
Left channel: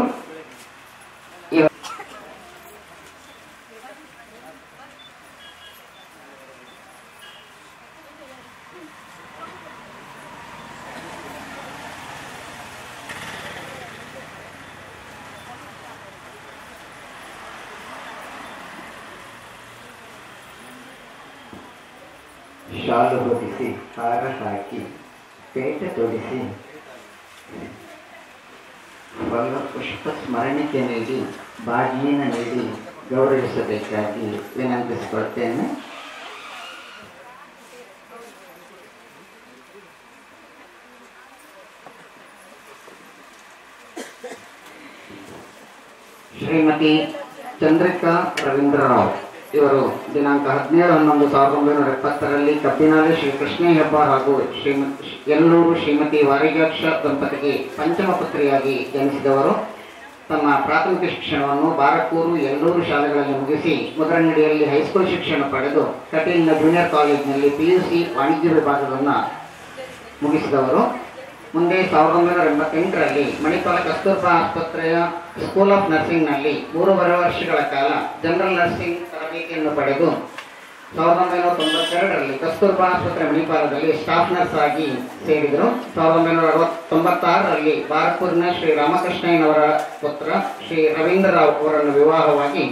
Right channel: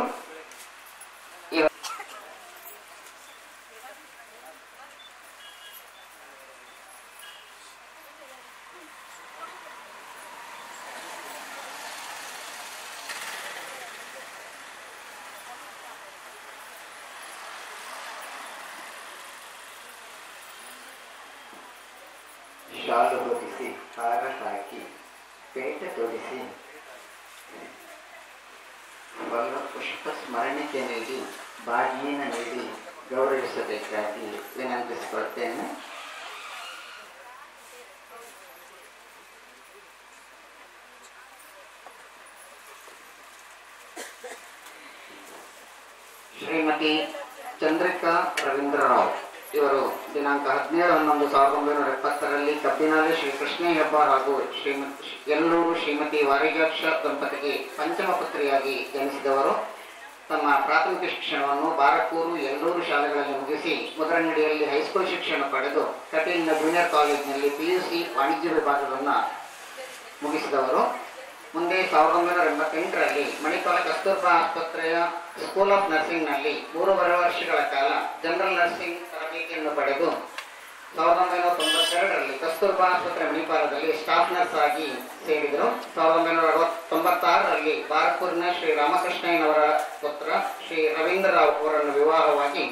ಶಾಲು ಹೊದಿಸಿ, ಹಾರ ಹಾಕಿ, ಪೇಟೆ ತೊಡಿಸಿ, ಪುಷ್ಪ ಸ್ಮರಣಿಕೆ ನೀಡಿ, ಬಾಗಿನ ನೀಡಿ ಗೌರವಿಸಬೇಕಾಗಿ ವಿನಂತಿಸಿಕೊಳ್ತೇನೆ. ಶ್ರೀಮತಿ ಚಂದ್ರಿಕಾ ರವೀಂದ್ರರಾವ್ ಇವರು ದಿನಾಂಕ 17/11/1970 ಕಬ್ಬಿನಾಲೆ ಶ್ರೀ ಕೃಷ್ಣ ಹೆಬ್ಬಾರ್ ಹಾಗೂ ಯಲ್ಲೂರು ಶ್ರೀಮತಿ ವಾರಿಜಾಕ್ಷ ದಂಪತಿಗೆ ಪಂಚಮ ಪುತ್ರಿಯಾಗಿ ಜನಿಸಿದವರು. ತಮ್ಮ ಪ್ರಾಥಮಿಕ ಶಿಕ್ಷಣವನ್ನು ಬಾರಕೂರು, ಯಲ್ಲೂರು ಶಾಲೆಗಳಲ್ಲಿ ಮುಗಿಸಿ ಮುದ್ರನಡಿಯಲ್ಲಿ ಹೈಸ್ಕೂಲ್ ಶಿಕ್ಷಣ ಪಡೆದು ಕಟೀಲ್ನ ಜೂನಿಯರ್ ಕಾಲೇಜಿನಲ್ಲಿ PUC ವಾಣಿಜ್ಯ ವಿಭಾಗವನ್ನು ಮುಗಿಸಿದವರು. ಮುಂದೆ 1988ರಲ್ಲಿ ಮಣಿಪಾಲ ಕಸ್ತೂರ್ಬಾ ಆಸ್ಪತ್ರೆಯ ಸ್ಕೂಲ್ ಆಫ್ ನರ್ಸಿಂಗ್ನಲ್ಲಿ 3.5 ವರ್ಷಗಳ ಕಾಲ ಜನರಲ್ ನರ್ಸಿಂಗ್ ತರಬೇತಿಯನ್ನು ಪಡೆದು 1992ರಲ್ಲಿ ಕಸ್ತೂರ್ಬಾ ಆಸ್ಪತ್ರೆ ಮಣಿಪಾಲದಲ್ಲಿ ಸ್ಟಾಫ್ ನರ್ಸ್ ಆಗಿ ಸೇರಿದರು. 1996ರಲ್ಲಿ ಬಾರಕೂರಿನ ಶ್ರೀ ರಾಮಕೃಷ್ಣಯ್ಯನವರ ಪುತ್ರ ಶ್ರೀ ರವೀಂದ್ರ ರಾವ್ ಅವರನ್ನು ವಿವಾಹವಾಗಿ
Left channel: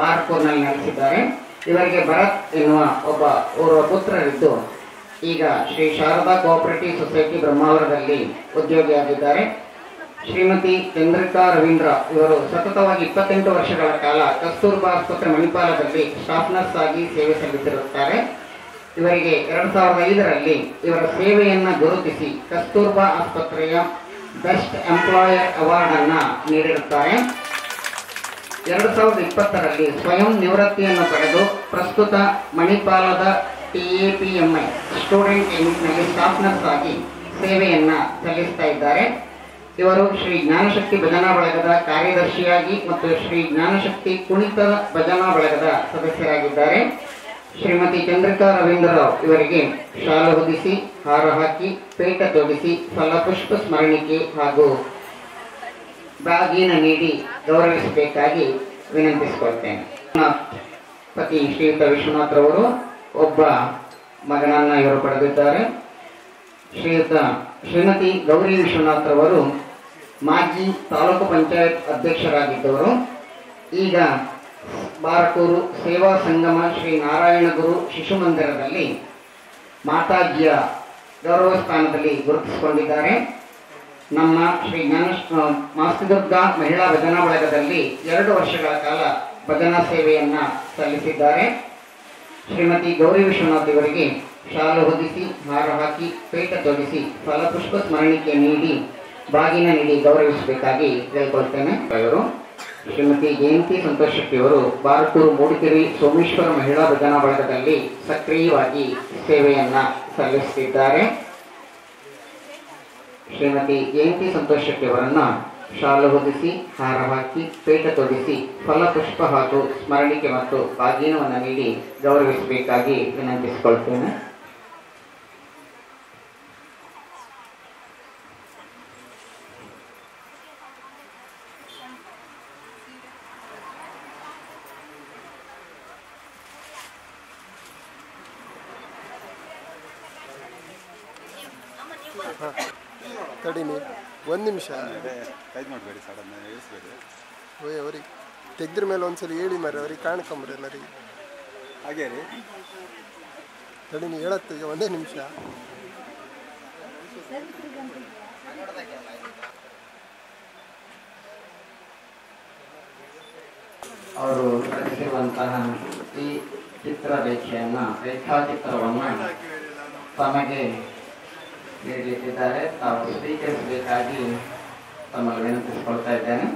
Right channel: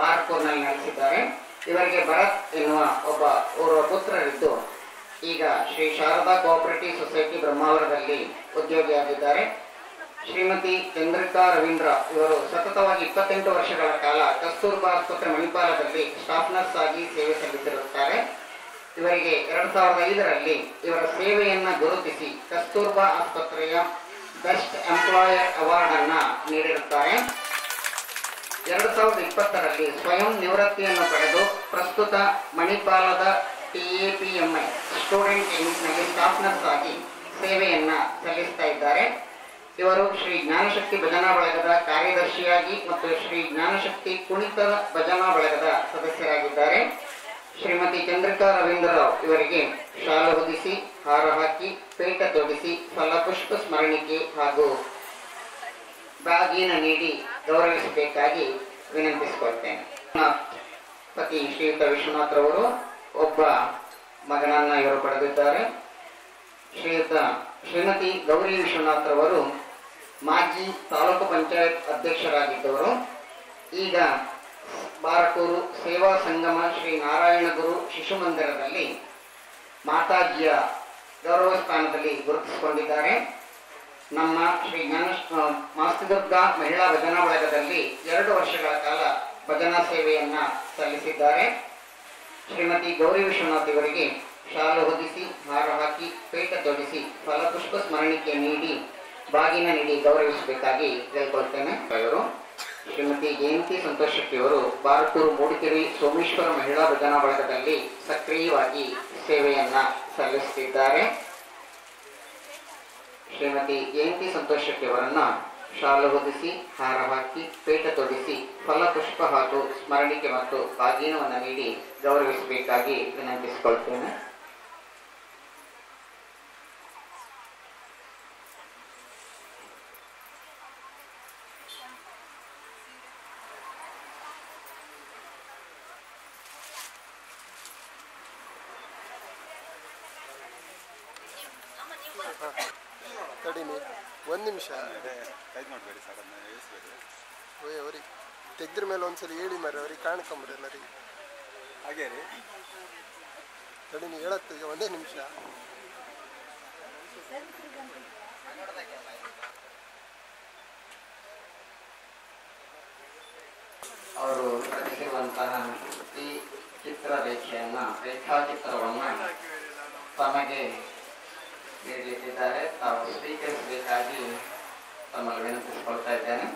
ಬಾರಕೂರಿನಲ್ಲಿ ನೆಲೆಸಿದ್ದಾರೆ. ಇವರಿಗೆ ಭರತ್ ಎನ್ನುವ ಒಬ್ಬ ಪುತ್ರರಿದ್ದು ಈಗ ಶ್ರೀ ಶಾರದಾ ಕೋಆಪರೇಟಿವ್ ಸೊಸೈಟಿ ಬ್ರಹ್ಮಾವರದಲ್ಲಿ ಉದ್ಯೋಗಿಯಾಗಿದ್ದಾರೆ. ಶ್ರೀಮತಿ ಚಂದ್ರಿಕಾ ರವೀಂದ್ರ ಇವರು ಸತತವಾಗಿ 28 ವರ್ಷಗಳ ಕಾಲ ಕಸ್ತೂರ್ಬಾ ಆಸ್ಪತ್ರೆ ಮಣಿಪಾಲದಲ್ಲಿ ಸ್ಟಾಫ್ ನರ್ಸ್ ಆಗಿ ಸೇವೆ ಸಲ್ಲಿಸಿರುತ್ತಾರೆ. ಇವರಿಗೆ 2005ರಲ್ಲಿ ಇವರ ಸೇವೆಯನ್ನು ಗುರುತಿಸಿ ಕಸ್ತೂರ್ಬಾ ಆಸ್ಪತ್ರೆಯ ಬೆಸ್ಟ್ ಎಂಪ್ಲಾಯರ್ ಅವಾರ್ಡ್ ಅನ್ನ ನೀಡಿರುತ್ತಾರೆ. 2020ರಲ್ಲಿ ಸ್ವಯಂ ನಿವೃತ್ತಿಯನ್ನು ಪಡೆದು ಪ್ರಸ್ತುತ ಮಣಿಪಾಲದ TAPMI ಸ್ಟೂಡೆಂಟ್ ಯೂನಿಟ್ನಲ್ಲಿ ಸ್ಟಾಫ್ ನರ್ಸ್ ಆಗಿ ಸೇವೆಯನ್ನ ಸಲ್ಲಿಸ್ತಾ ಇದ್ದಾರೆ. ಇವರು ಶ್ರೀ ಜ್ಞಾನಶಕ್ತಿ ಭಜನಾ ಬಳಗದ ಕಾರ್ಯದರ್ಶಿಯಾಗಿ ಮತ್ತು ಶ್ರೀ ಜ್ಞಾನಶಕ್ತಿ ಕುಣಿತ ಭಜನಾ ಬಳಗದ ಸದಸ್ಯರಾಗಿದ್ದಾರೆ. ಶ್ರೀಮತಿ ಚಂದ್ರಿಕಾ ರವೀಂದ್ರರಾವ್ ಇವರಿಗೆ ಶಾಲು ಹೊದಿಸಿ, ಹಾರ ಹಾಕಿ, ಪೇಟ ತೊಡಿಸಿ, ಫಲಪುಷ್ಪ ಸ್ಮರಣಿಕೆ ಹಾಗೂ ಬಾಗಿನ ನೀಡಿ ಗೌರವಿಸಬೇಕಾಗಿ ವಿನಂತಿಸಿಕೊಳ್ತೇನೆ. ಪತಿ ಶ್ರೀಯುತ ವಿಶ್ವನಾಥ್ ರವರು ಒಬ್ಬ ಮಗನನ್ನ ಇವರು ಪಡೆದಿದ್ದಾರೆ. ಶ್ರೀಮತಿ ಗೌರಿ ವಿಶ್ವನಾಥ್ ರವರು ಮಾಜಿ ತಾಲೂಕು ಪಂಚಾಯತ್ ಅಧ್ಯಕ್ಷರಾಗಿದ್ದವರು. ಈಗ ಬಾರಕೂರು ಸೇವಾ ಸಂಗಮ ಶ್ರೀ ನಾರಾಯಣ ಗುರು ಶಿಶು ಮಂದಿರದಲ್ಲಿ ಮಾತಾಜಿಯ ಗೌರವ ಸ್ಥಾನದಲ್ಲಿ ಗುರುತಿಸಿಕೊಂಡಿದ್ದಾರೆ. ನಮ್ಮ ಶ್ರೀ ಮಾಸ್ತಿದುರ್ಗಾ ಮಹಿಳಾ ಭಜನಾ ಬಳಗದಲ್ಲಿ 2 ವರ್ಷಗಳ ಕಾಲ ಭಜನಾ ಸೇವೆಯನ್ನ ಸಲ್ಲಿಸಿದ್ದಾರೆ. ಶ್ರೀಮತಿ ಗೌರಿ ವಿಶ್ವನಾಥ್ ಇವರಿಗೆ ಶಾಲು ಹೊದಿಸಿ, ಹಾರ ಹಾಕಿ, ಪೇಟ ತೊಡಿಸಿ, ಫಲಪುಷ್ಪ ಸ್ಮರಣಿಕೆ ನೀಡಿ ಬಾಗಿನ ನೀಡಿ ಗೌರವಿಸಬೇಕಾಗಿ ಕೇಳ್ಕೊಳ್ತೇನೆ. ಇವರು ಶ್ರೀಮತಿ ಜಯಂತಿ ಸಂತೋಷ್ ಶೆಟ್ಟಿಯವರು ಬಾರಕೂರು ಮೂಡಿಗೆರೆ ಸೋಮೇಶ್ವರ ಮಹಿಳಾ ಭಜನಾ ಬಳಗದಲ್ಲಿ ಸಕ್ರಿಯವಾಗಿ ಸೇವೆಯನ್ನ ಸಲ್ಲಿಸುತ್ತಿದ್ದಾರೆ. ಶ್ರೀಮತಿ ಜಯಂತಿ ಸಂತೋಷ್ ಶೆಟ್ಟಿಯವರನ್ನ ಶಾಲು ಹೊದಿಸಿ, ಹಾರ ಹಾಕಿ, ಪೇಟ ತೊಡಿಸಿ, ಫಲಪುಷ್ಪ ಹಾಗೂ ಸ್ಮರಣಿಕೆ ಮತ್ತು ಬಾಗಿನವನ್ನು ನೀಡಿ ಗೌರವಿಸಬೇಕಾಗಿ ವಿನಂತಿಸಿಕೊಳ್ತೇನೆ. ತಡೀನಿ 1 ನಿಮಿಷ. ಓಯ್ ಅವ್ರಿಗೆ ತೆಗ್ದ್ರ ಮೇಲೆ ಒಂದ್ಸಲ ಹೇಳಿ ಮಾರಿ, ಅವ್ರಿಗೆ ಕಾಣ್ಕೊಂಬ್ರಿ ಎಲ್ಲರಿಗೆ. ಹಾಗೆ ರೀ ತಡೀನಿ ಹೇಳತ್ತೆ, 1 ನಿಮಿಷ. ಅವರು ರಚಿಸಿರುವಂತಹ ಈ ರೇಖಾಚಿತ್ರವನ್ನು ತಮಗೆ ನೀಡಲಿಕ್ಕಿದ್ದಾರೆ. ತಾವು ಸ್ವೀಕರಿಸಬೇಕಾಗಿ ತಮ್ಮಲ್ಲಿ ವಿನಂತಿಸಿಕೊಳ್ತಾ ಇದ್ದೇನೆ.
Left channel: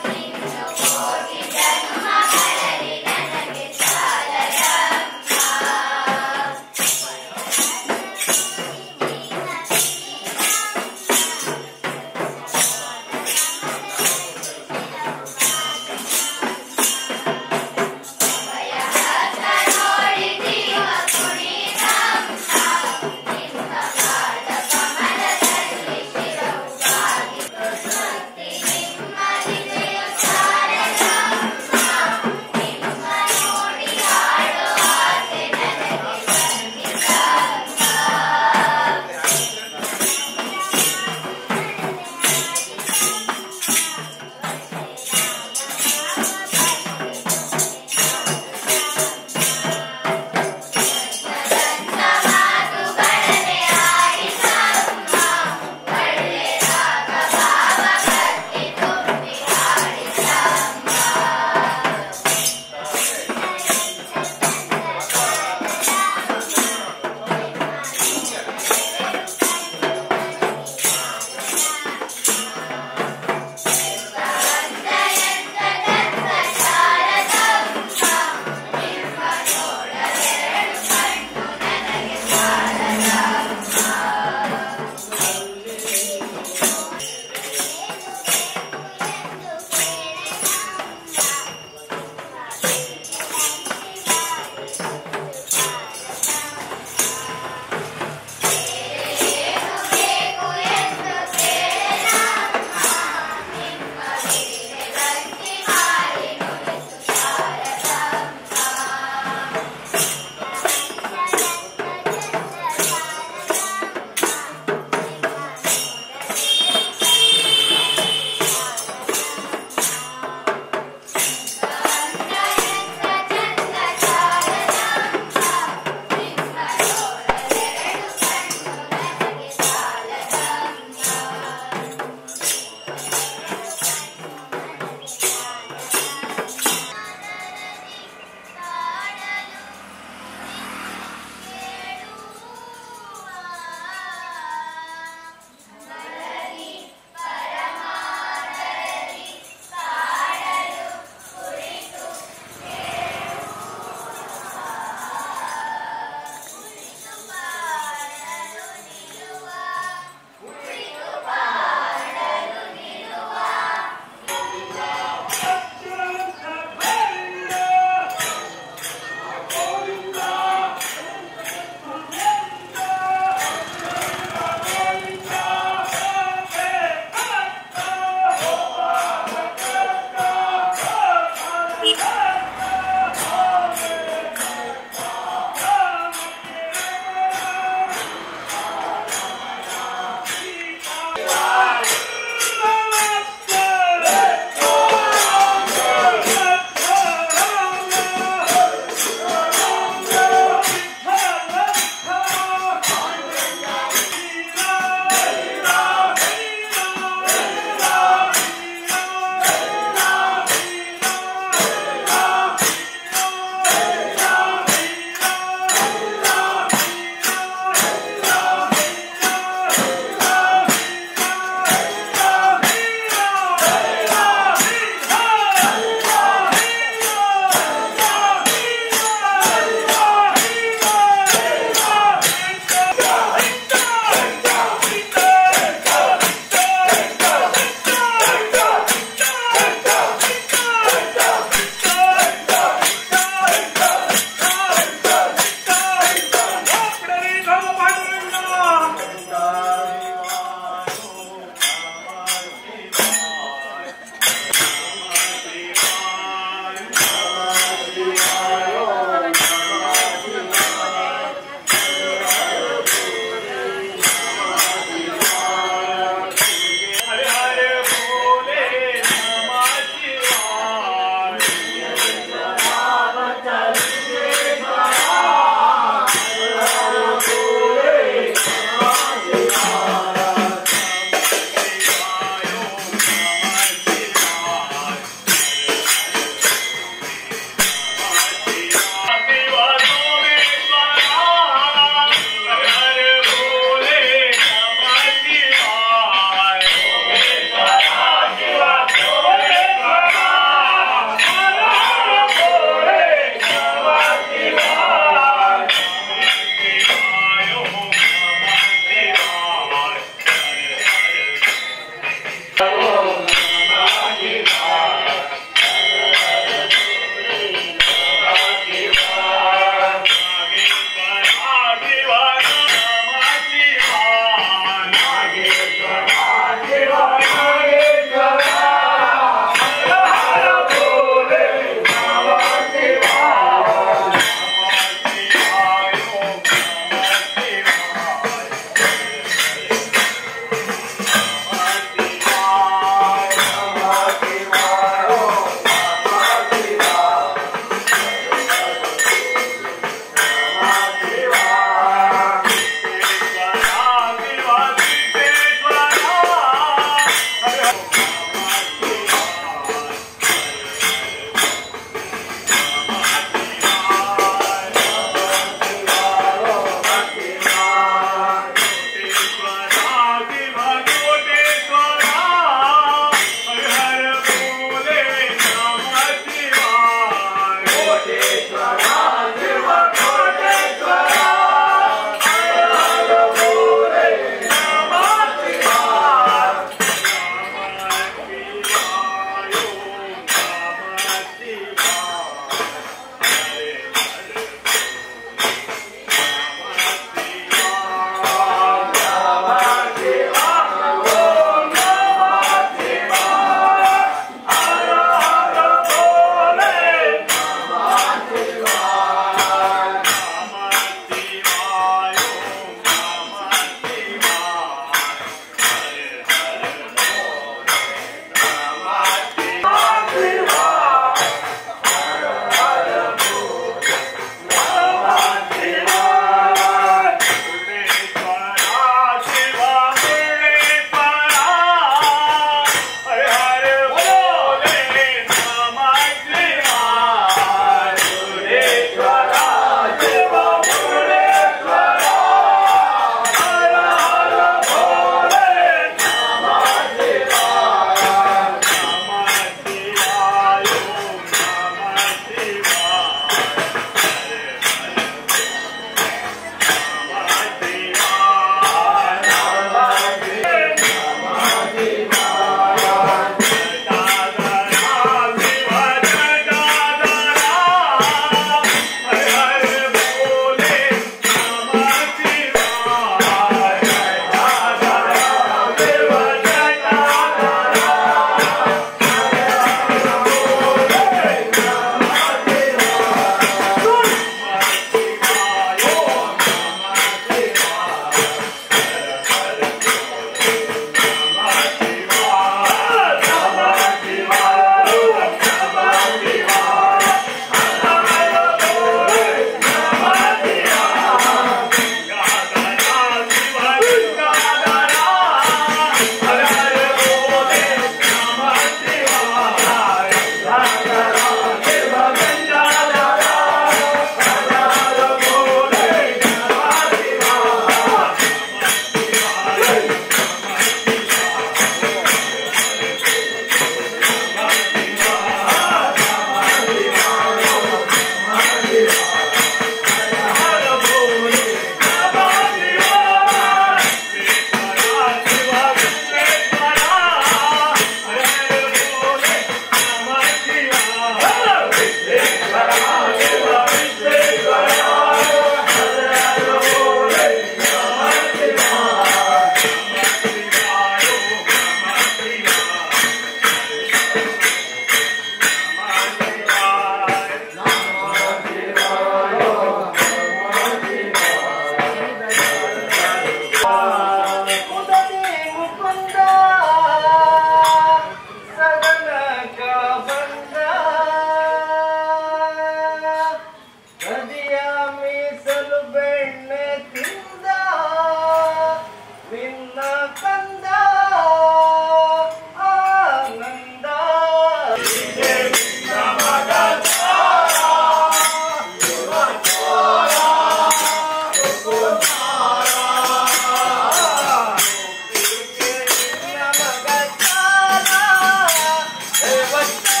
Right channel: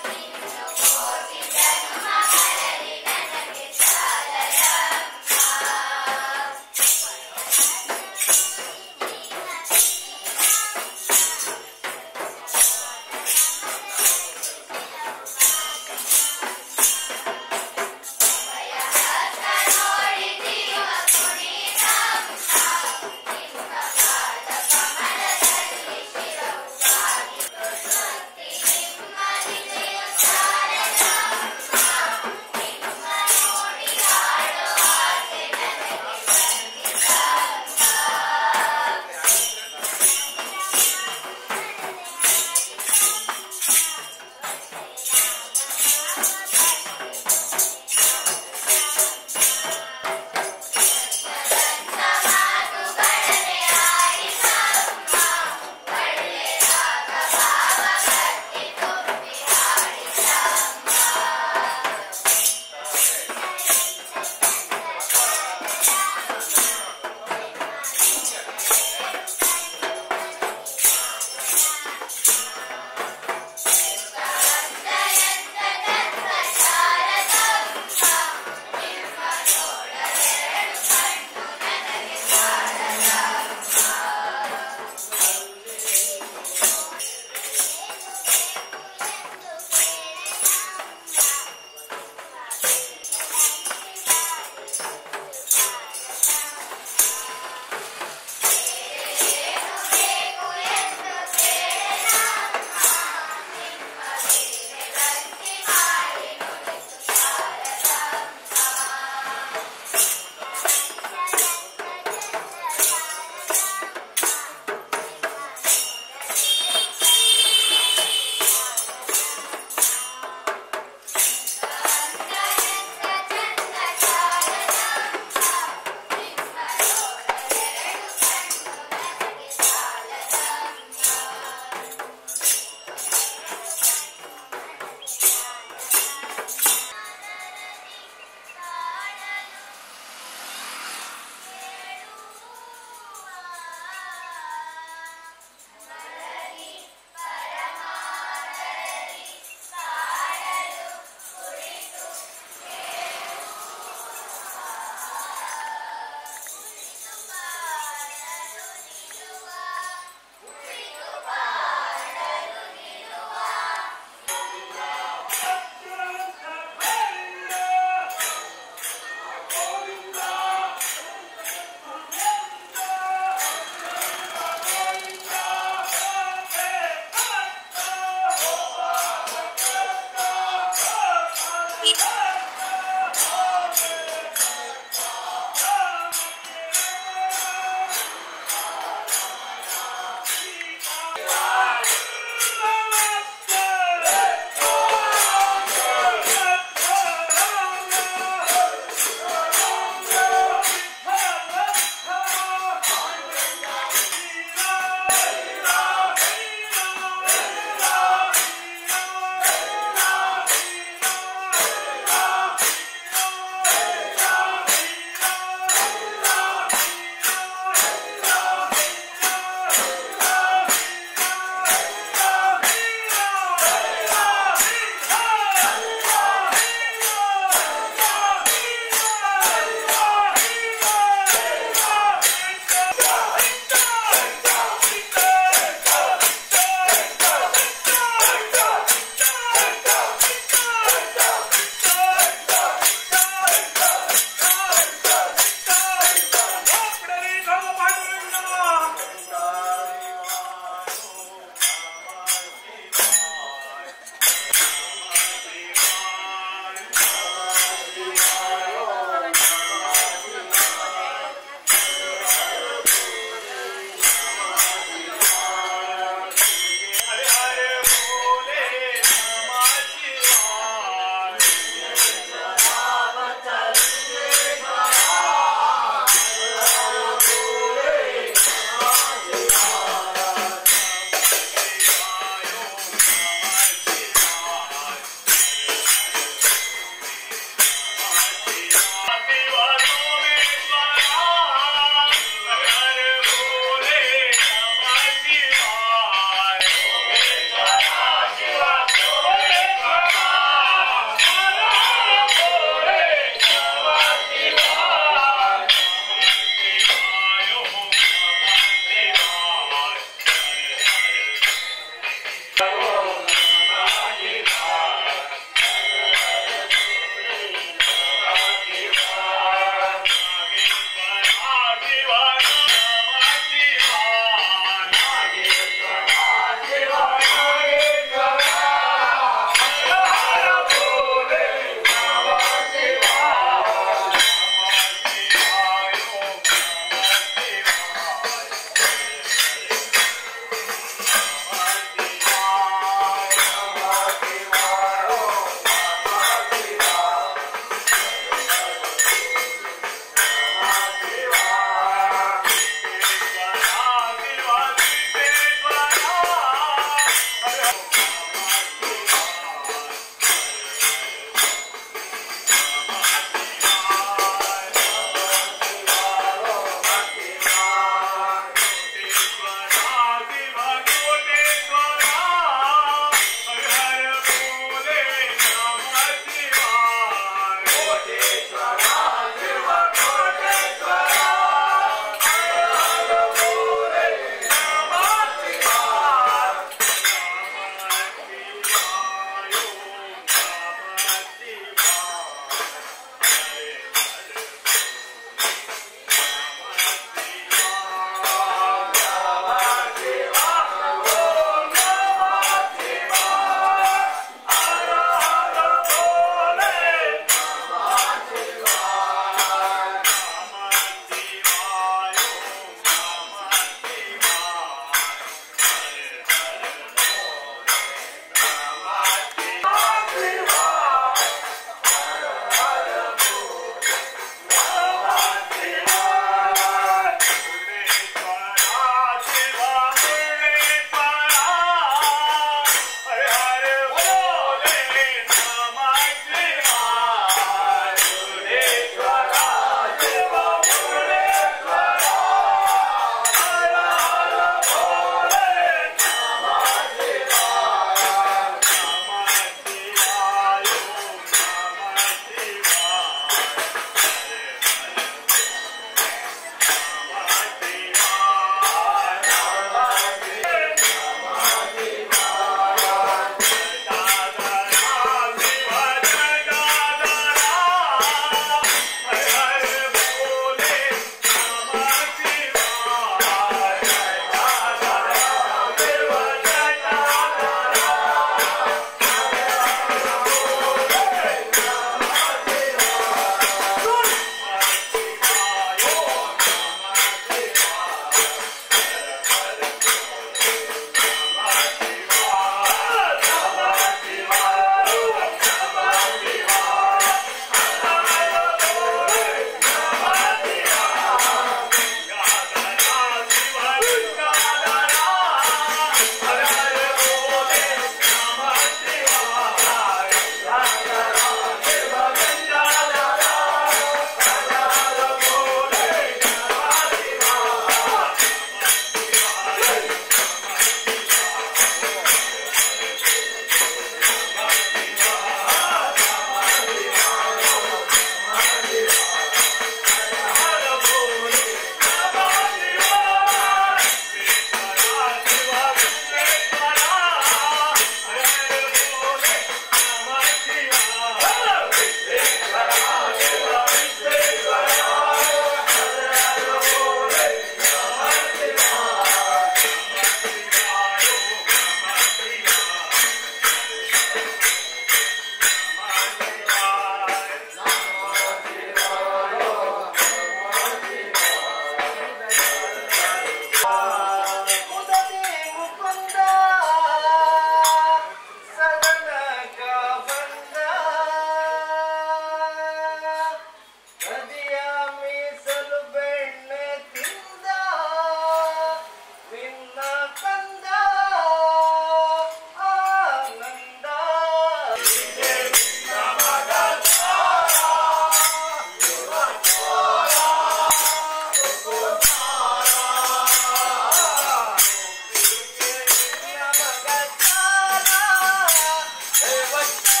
ಧನ್ಯವಾದ.